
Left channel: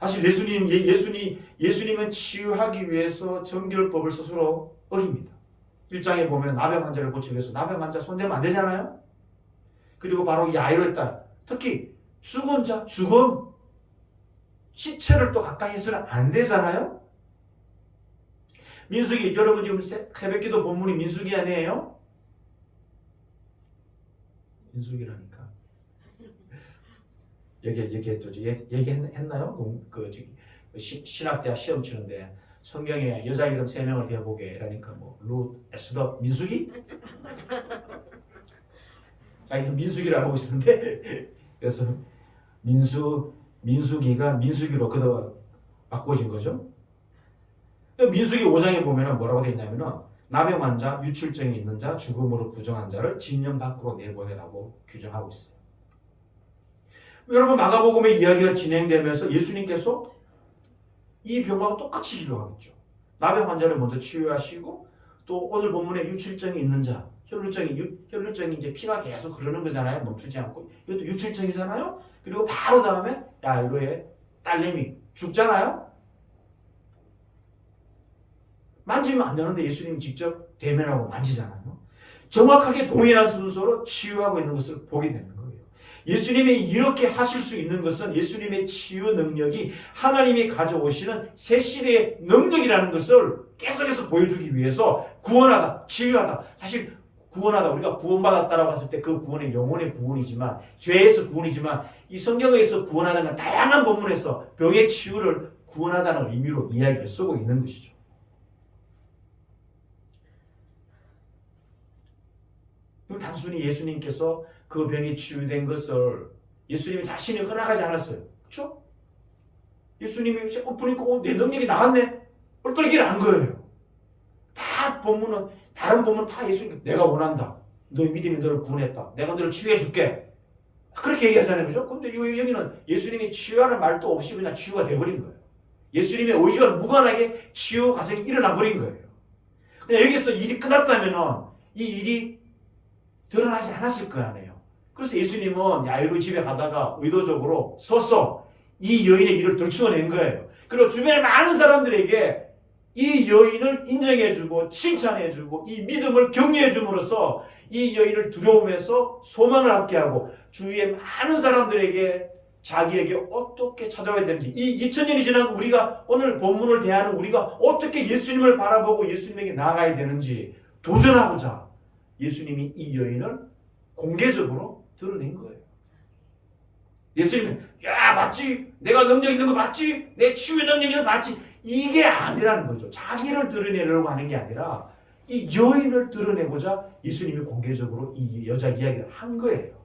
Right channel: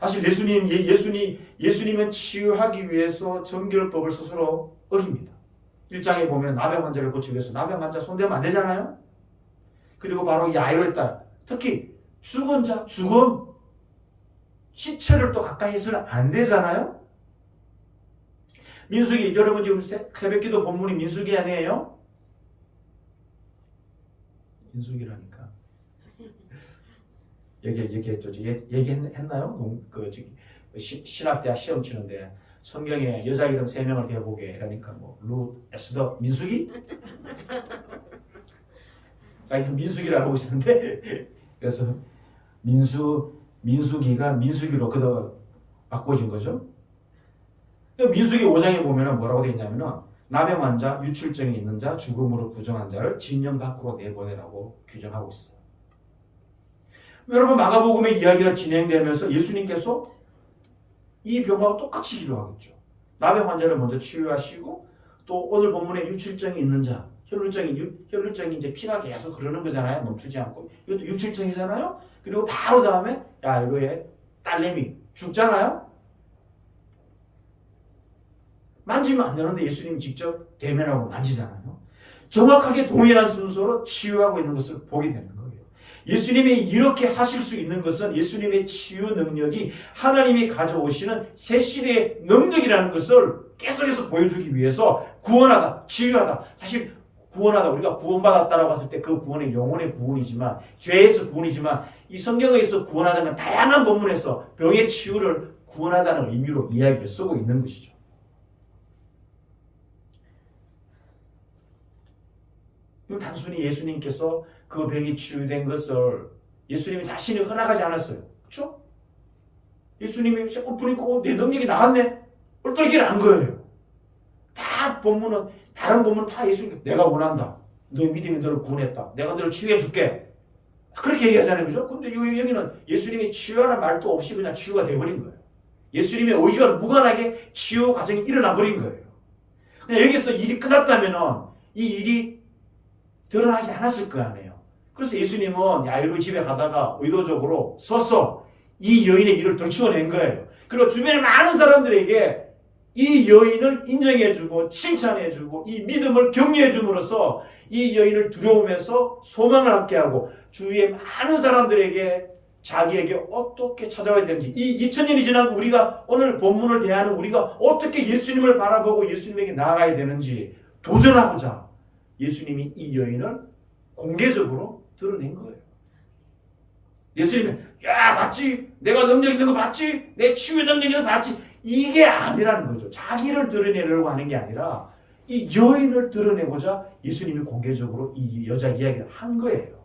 사실 예수님은 치유하기 위해서 정결법을 스스로 어깁니다. 1장에 보면 나병 환자를 고치기 위해서 나병 환자 손대면 안 되잖아요. 그리고 바로 이 야이로의 딸, 특히 죽은 자, 죽음, 시체를 또 가까이 해서는 안 되잖아요. 민수기, 여러분 지금 새벽기도 본문이 민수기 아니에요? 민수기라니까. 얘기했나요? 신학대학 시험 치는데 성경에 여자 이름 3명을 대보게 이러니까 루, 에스더, 민수기? 민수기를 하고 있었는데 그래서 민수기가 민수기로 그도 바꿔진 거죠. 민수기 5장에 보면 뭐라고 되어 있냐면은 나병 환자, 유출증이 있는 자, 죽음으로 부정한 자를 진영 밖으로 내보내라고 규정하고 있어요. 여러분 마가복음의 이야기가 진행되면서 예수님께서 이 병하고 똑같이 기도하겠죠. 나병 환자를 먼저 치유하시고 또 오늘 본문에 유출증이 있는 자, 혈루증이 이제 피가 계속 흐르는 거잖아요. 멈추지 않고. 이것도 유출증이잖아요. 그리고 바로 다음에 야이로의 딸내미 죽잖아요. 만지면 안 되는데 예수님이 직접 대면하고 만지잖아요. 정확하게 동일한 순서로 치유하고 있는 것을 보게 되는 거예요. 예수님이 이렇게 하실 수 있는 것은 예수님의 치유 능력이 하나님이 가져오시는 새 시대의 능력이라는 것을 계속해서 보여주기 위해서 구원하다, 치유하다. 사실 구원하다, 우리가 구원받았다라고 했을 때 그 구원은 영혼의 구원이지만, 죄에서 구원이지만, 이 성경에서 구원하다는 다양한 본문에서 병의 치유를 구원하다는 의미로 이야기를 쓰고 있는 것이죠. 단순히 예수님께서 그 병이 치유된 것을 예수님이 자신이 허락하지 않았어요. 그렇죠? 예수님이 쇠꼬푸니까 내 능력이 나갔네? 얼떨기를 한 거예요. 다 본문은, 다른 본문은 다 예수님, 내가 원한다. 너의 믿음이 너를 구원했다. 내가 너를 치유해 줄게. 그렇게 얘기하잖아요. 그죠? 근데 여기는 예수님이 치유하는 말도 없이 그냥 치유가 돼버린 거예요. 예수님의 의지와 무관하게 치유 과정이 일어나 버린 거예요. 그냥 여기서 일이 끝났다면 이 일이 드러나지 않았을 거 아니에요. 그래서 예수님은 야이로 집에 가다가 의도적으로 서서 이 여인의 일을 들추어낸 거예요. 그리고 주변의 많은 사람들에게 이 여인을 인정해주고 칭찬해주고 이 믿음을 격려해줌으로써 이 여인을 두려움에서 소망을 갖게 하고 주위의 많은 사람들에게 자기에게 어떻게 찾아와야 되는지, 이 2000년이 지난 우리가 오늘 본문을 대하는 우리가 어떻게 예수님을 바라보고 예수님에게 나아가야 되는지 도전하고자 예수님이 이 여인을 공개적으로 드러낸 거예요. 예수님은 야 봤지? 내가 능력 있는 거 봤지? 내 치유의 능력 있는 거 봤지? 이게 아니라는 거죠. 자기를 드러내려고 하는 게 아니라 이 여인을 드러내고자 예수님이 공개적으로 이 여자 이야기를 한 거예요.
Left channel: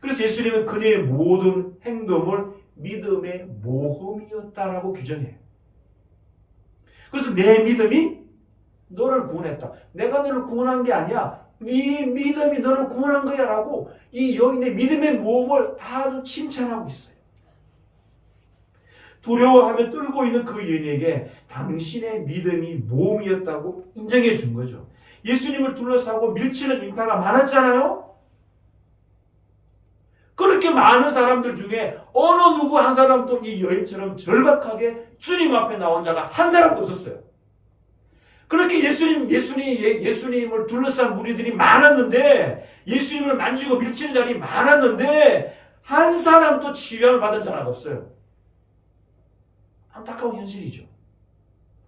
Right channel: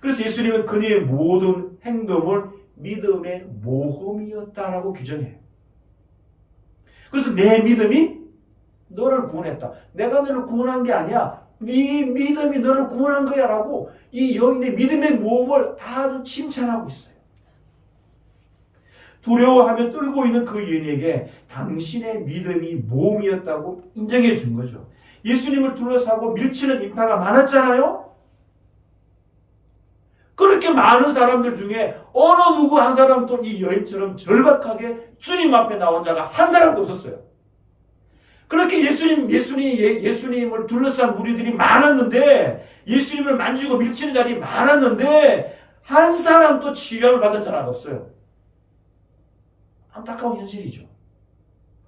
그래서 예수님은 그녀의 모든 행동을 믿음의 모험이었다라고 규정해요. 그래서 내 믿음이 너를 구원했다. 내가 너를 구원한 게 아니야. 네 믿음이 너를 구원한 거야 라고 이 여인의 믿음의 모험을 아주 칭찬하고 있어요. 두려워하며 떨고 있는 그 여인에게 당신의 믿음이 모험이었다고 인정해 준 거죠. 예수님을 둘러싸고 밀치는 인파가 많았잖아요. 그렇게 많은 사람들 중에 어느 누구 한 사람도 이 여인처럼 절박하게 주님 앞에 나온 자가 한 사람도 없었어요. 그렇게 예수님을 둘러싼 무리들이 많았는데, 예수님을 만지고 밀치는 자리 많았는데 한 사람도 치유함을 받은 자가 없어요. 안타까운 현실이죠.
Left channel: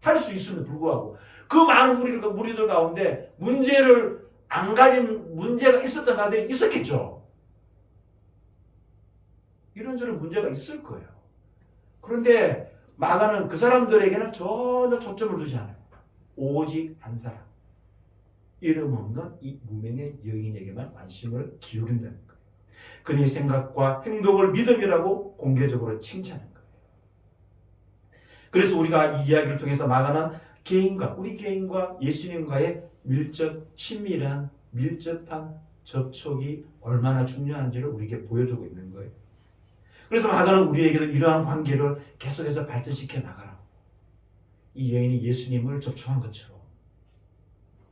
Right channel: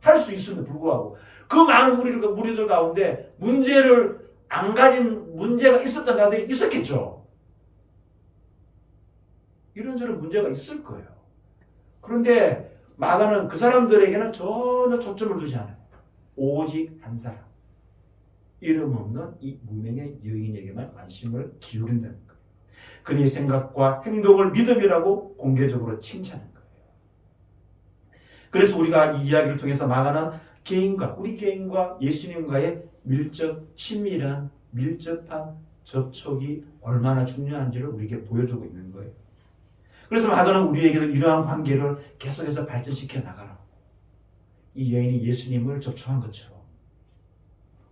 할 수 있음에도 불구하고 그 많은 무리들 가운데 문제를 안 가진 문제가 있었던 자들이 있었겠죠. 이런저런 문제가 있을 거예요. 그런데 마가는 그 사람들에게는 전혀 초점을 두지 않아요. 오직 한 사람, 이름 없는 이 무명의 여인에게만 관심을 기울인다는 거예요. 그녀의 생각과 행동을 믿음이라고 공개적으로 칭찬한 거예요. 그래서 우리가 이 이야기를 통해서 마가는 우리 개인과 예수님과의 친밀한 밀접한 접촉이 얼마나 중요한지를 우리에게 보여주고 있는 거예요. 그래서 마가는 우리에게도 이러한 관계를 계속해서 발전시켜 나가라고. 이 여인이 예수님을 접촉한 것처럼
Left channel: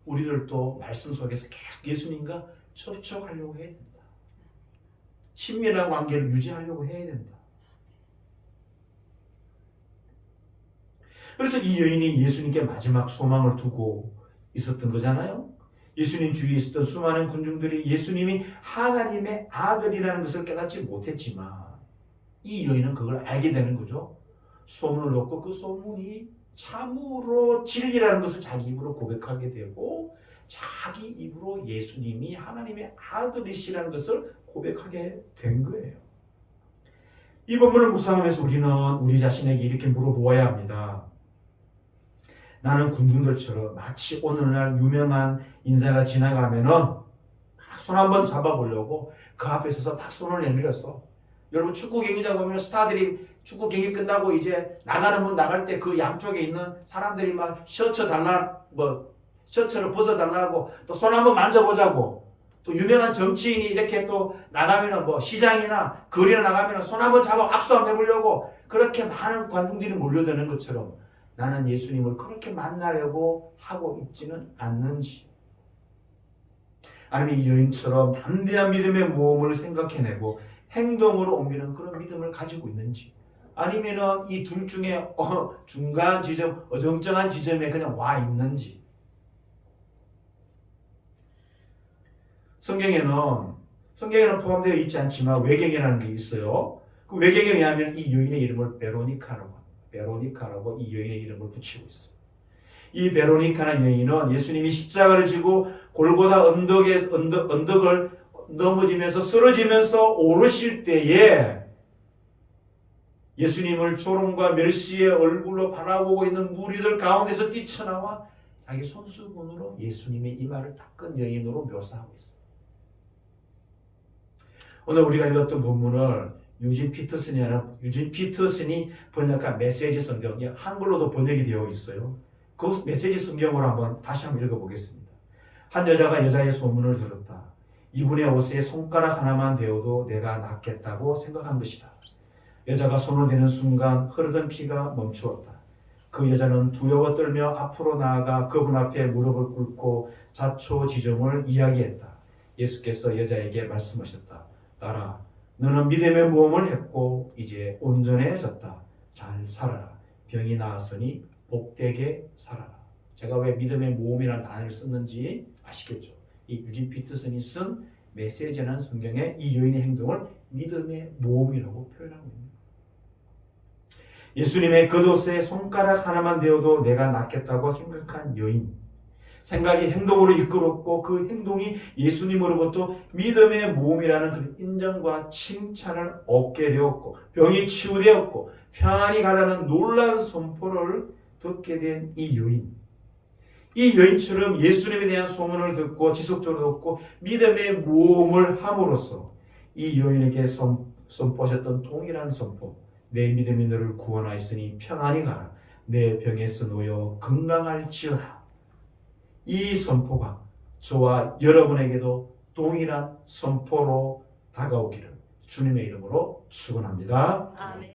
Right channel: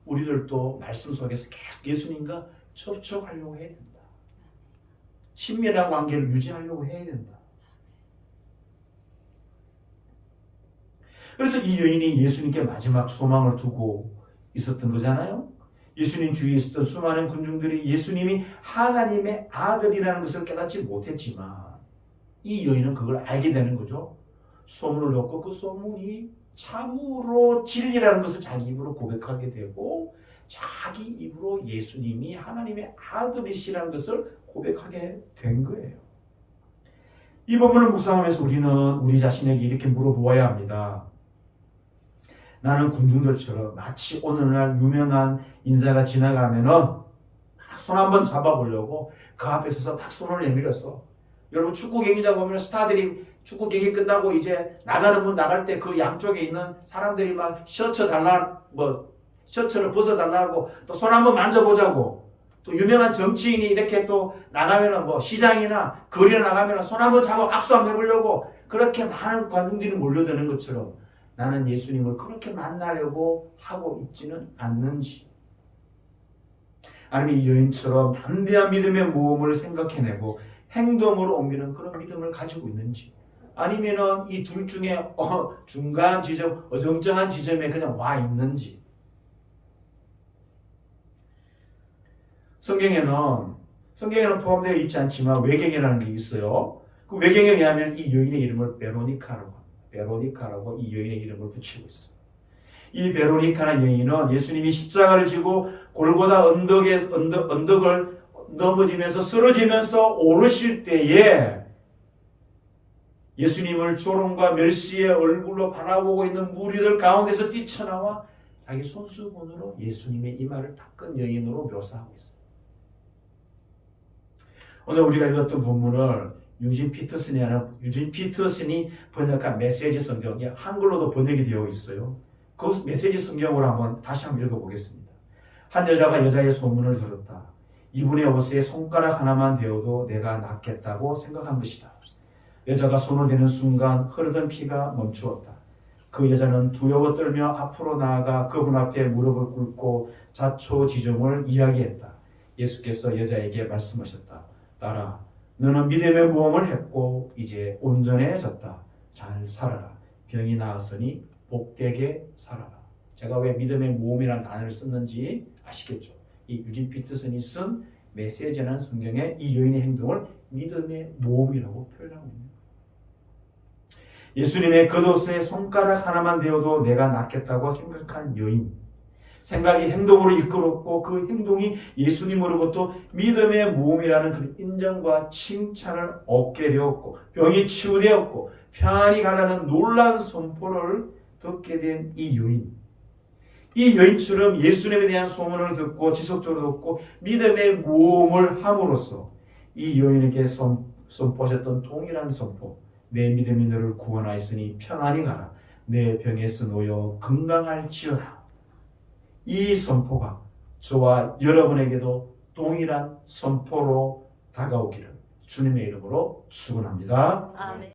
우리들도 말씀 속에서 계속 예수님과 접촉하려고 해야 된다. 친밀한 관계를 유지하려고 해야 된다. 그래서 이 여인이 예수님께 마지막 소망을 두고 있었던 거잖아요. 예수님 주위에 있었던 수많은 군중들이 예수님이 하나님의 아들이라는 것을 깨닫지 못했지만 이 여인은 그걸 알게 되는 거죠. 소문을 듣고 그 소문이 참으로 진리라는 것을 자기 입으로 고백하게 되고 자기 입으로 예수님이 하나님의 아들이시라는 것을 고백하게 된 거예요. 이 본문을 묵상하면서 우리는 우리 자신에게 이렇게 물어보아야 합니다. 나는 군중들처럼 마치 오늘날 유명한 인사가 지나가면은 손 한번 잡아보려고 그 앞에 서서 막 손을 내밀었어. 여러분 축구 경기장 보면 스타들이 축구 경기 끝나고 이제 나가는 문 나갈 때 그 양쪽에 있는 사람들이 막 셔츠를 벗어달라고 또 손 한번 만져보자고, 또 유명한 정치인이 이렇게 또 나가면은 뭐 시장이나 거리에 나가면은 손 한번 잡아 악수 한번 해보려고 그렇게 많은 관중들이 몰려드는 것처럼 나는 예수님을 그렇게 만나려고 하고 있지는 않는지, 아니면 이 여인처럼 담대한 믿음의 모험을 생각해내고 행동으로 옮기는 그런 믿음을 가지고 있는지, 아니면은 이 둘 중에 중간 지점, 어정쩡한 지점에 그냥 와 있는지. 성경에는 포함되어 있지 않지만 외경이라는 게 있어요. 그 외경에 의하면 이 여인의 이름을 베로니카라고 합니다. 베로니카라고 이 여인의 이름을 붙이고 있어요. 이 베로니카는 여인은 예수님이 십자가를 지고 골고다 언덕을 넘어지면서 쓰러지면서 오르실 때에 예수님을 조롱과 멸시의 얼굴로 바라보고 있는 무리들 가운데서 뛰쳐나와 자기 손수건으로 예수님의 이마를 닦은 여인으로 묘사하고 있어요. 오늘 우리가 읽었던 본문을 유진 피터슨이 번역한 메시지 성경이 한글로도 번역이 되어 있어요. 그 메시지 성경으로 다시 한번 읽어보겠습니다. 한 여자가 여자의 소문을 들었다. 이분의 옷에 손가락 하나만 대어도 내가 낫겠다고 생각한 것이다. 여자가 손을 대는 순간 흐르던 피가 멈추었다. 그 여자는 두려워 떨며 앞으로 나아가 그분 앞에 무릎을 꿇고 자초지종을 이야기했다. 예수께서 여자에게 말씀하셨다. 딸아, 너는 믿음의 모험을 했고 이제 온전해졌다. 잘 살아라. 병이 나았으니 복되게 살아라. 제가 왜 믿음의 모험이라는 단어를 썼는지 아시겠죠? 이 유진 피터슨이 쓴 메시지라는 성경에 이 여인의 행동을 믿음의 모험이라고 표현하고 있습니다. 예수님의 겉옷에 손가락 하나만 대어도 내가 낫겠다고 생각한 여인, 생각이 행동으로 이끌었고 그 행동이 예수님으로부터 믿음의 모험이라는 그 인정과 칭찬을 얻게 되었고 병이 치유되었고 평안히 가라는 놀라운 선포를 듣게 된 이 여인, 이 여인처럼 예수님에 대한 소문을 듣고 지속적으로 듣고 믿음의 모험을 함으로써 이 여인에게 선포하셨던 동일한 선포, 내 믿음이 너를 구원하였으니 평안히 가라. 내 병에서 놓여 건강할지어다. 이 선포가 저와 여러분에게도 동일한 선포로 다가오기를 주님의 이름으로 축원합니다. 아멘.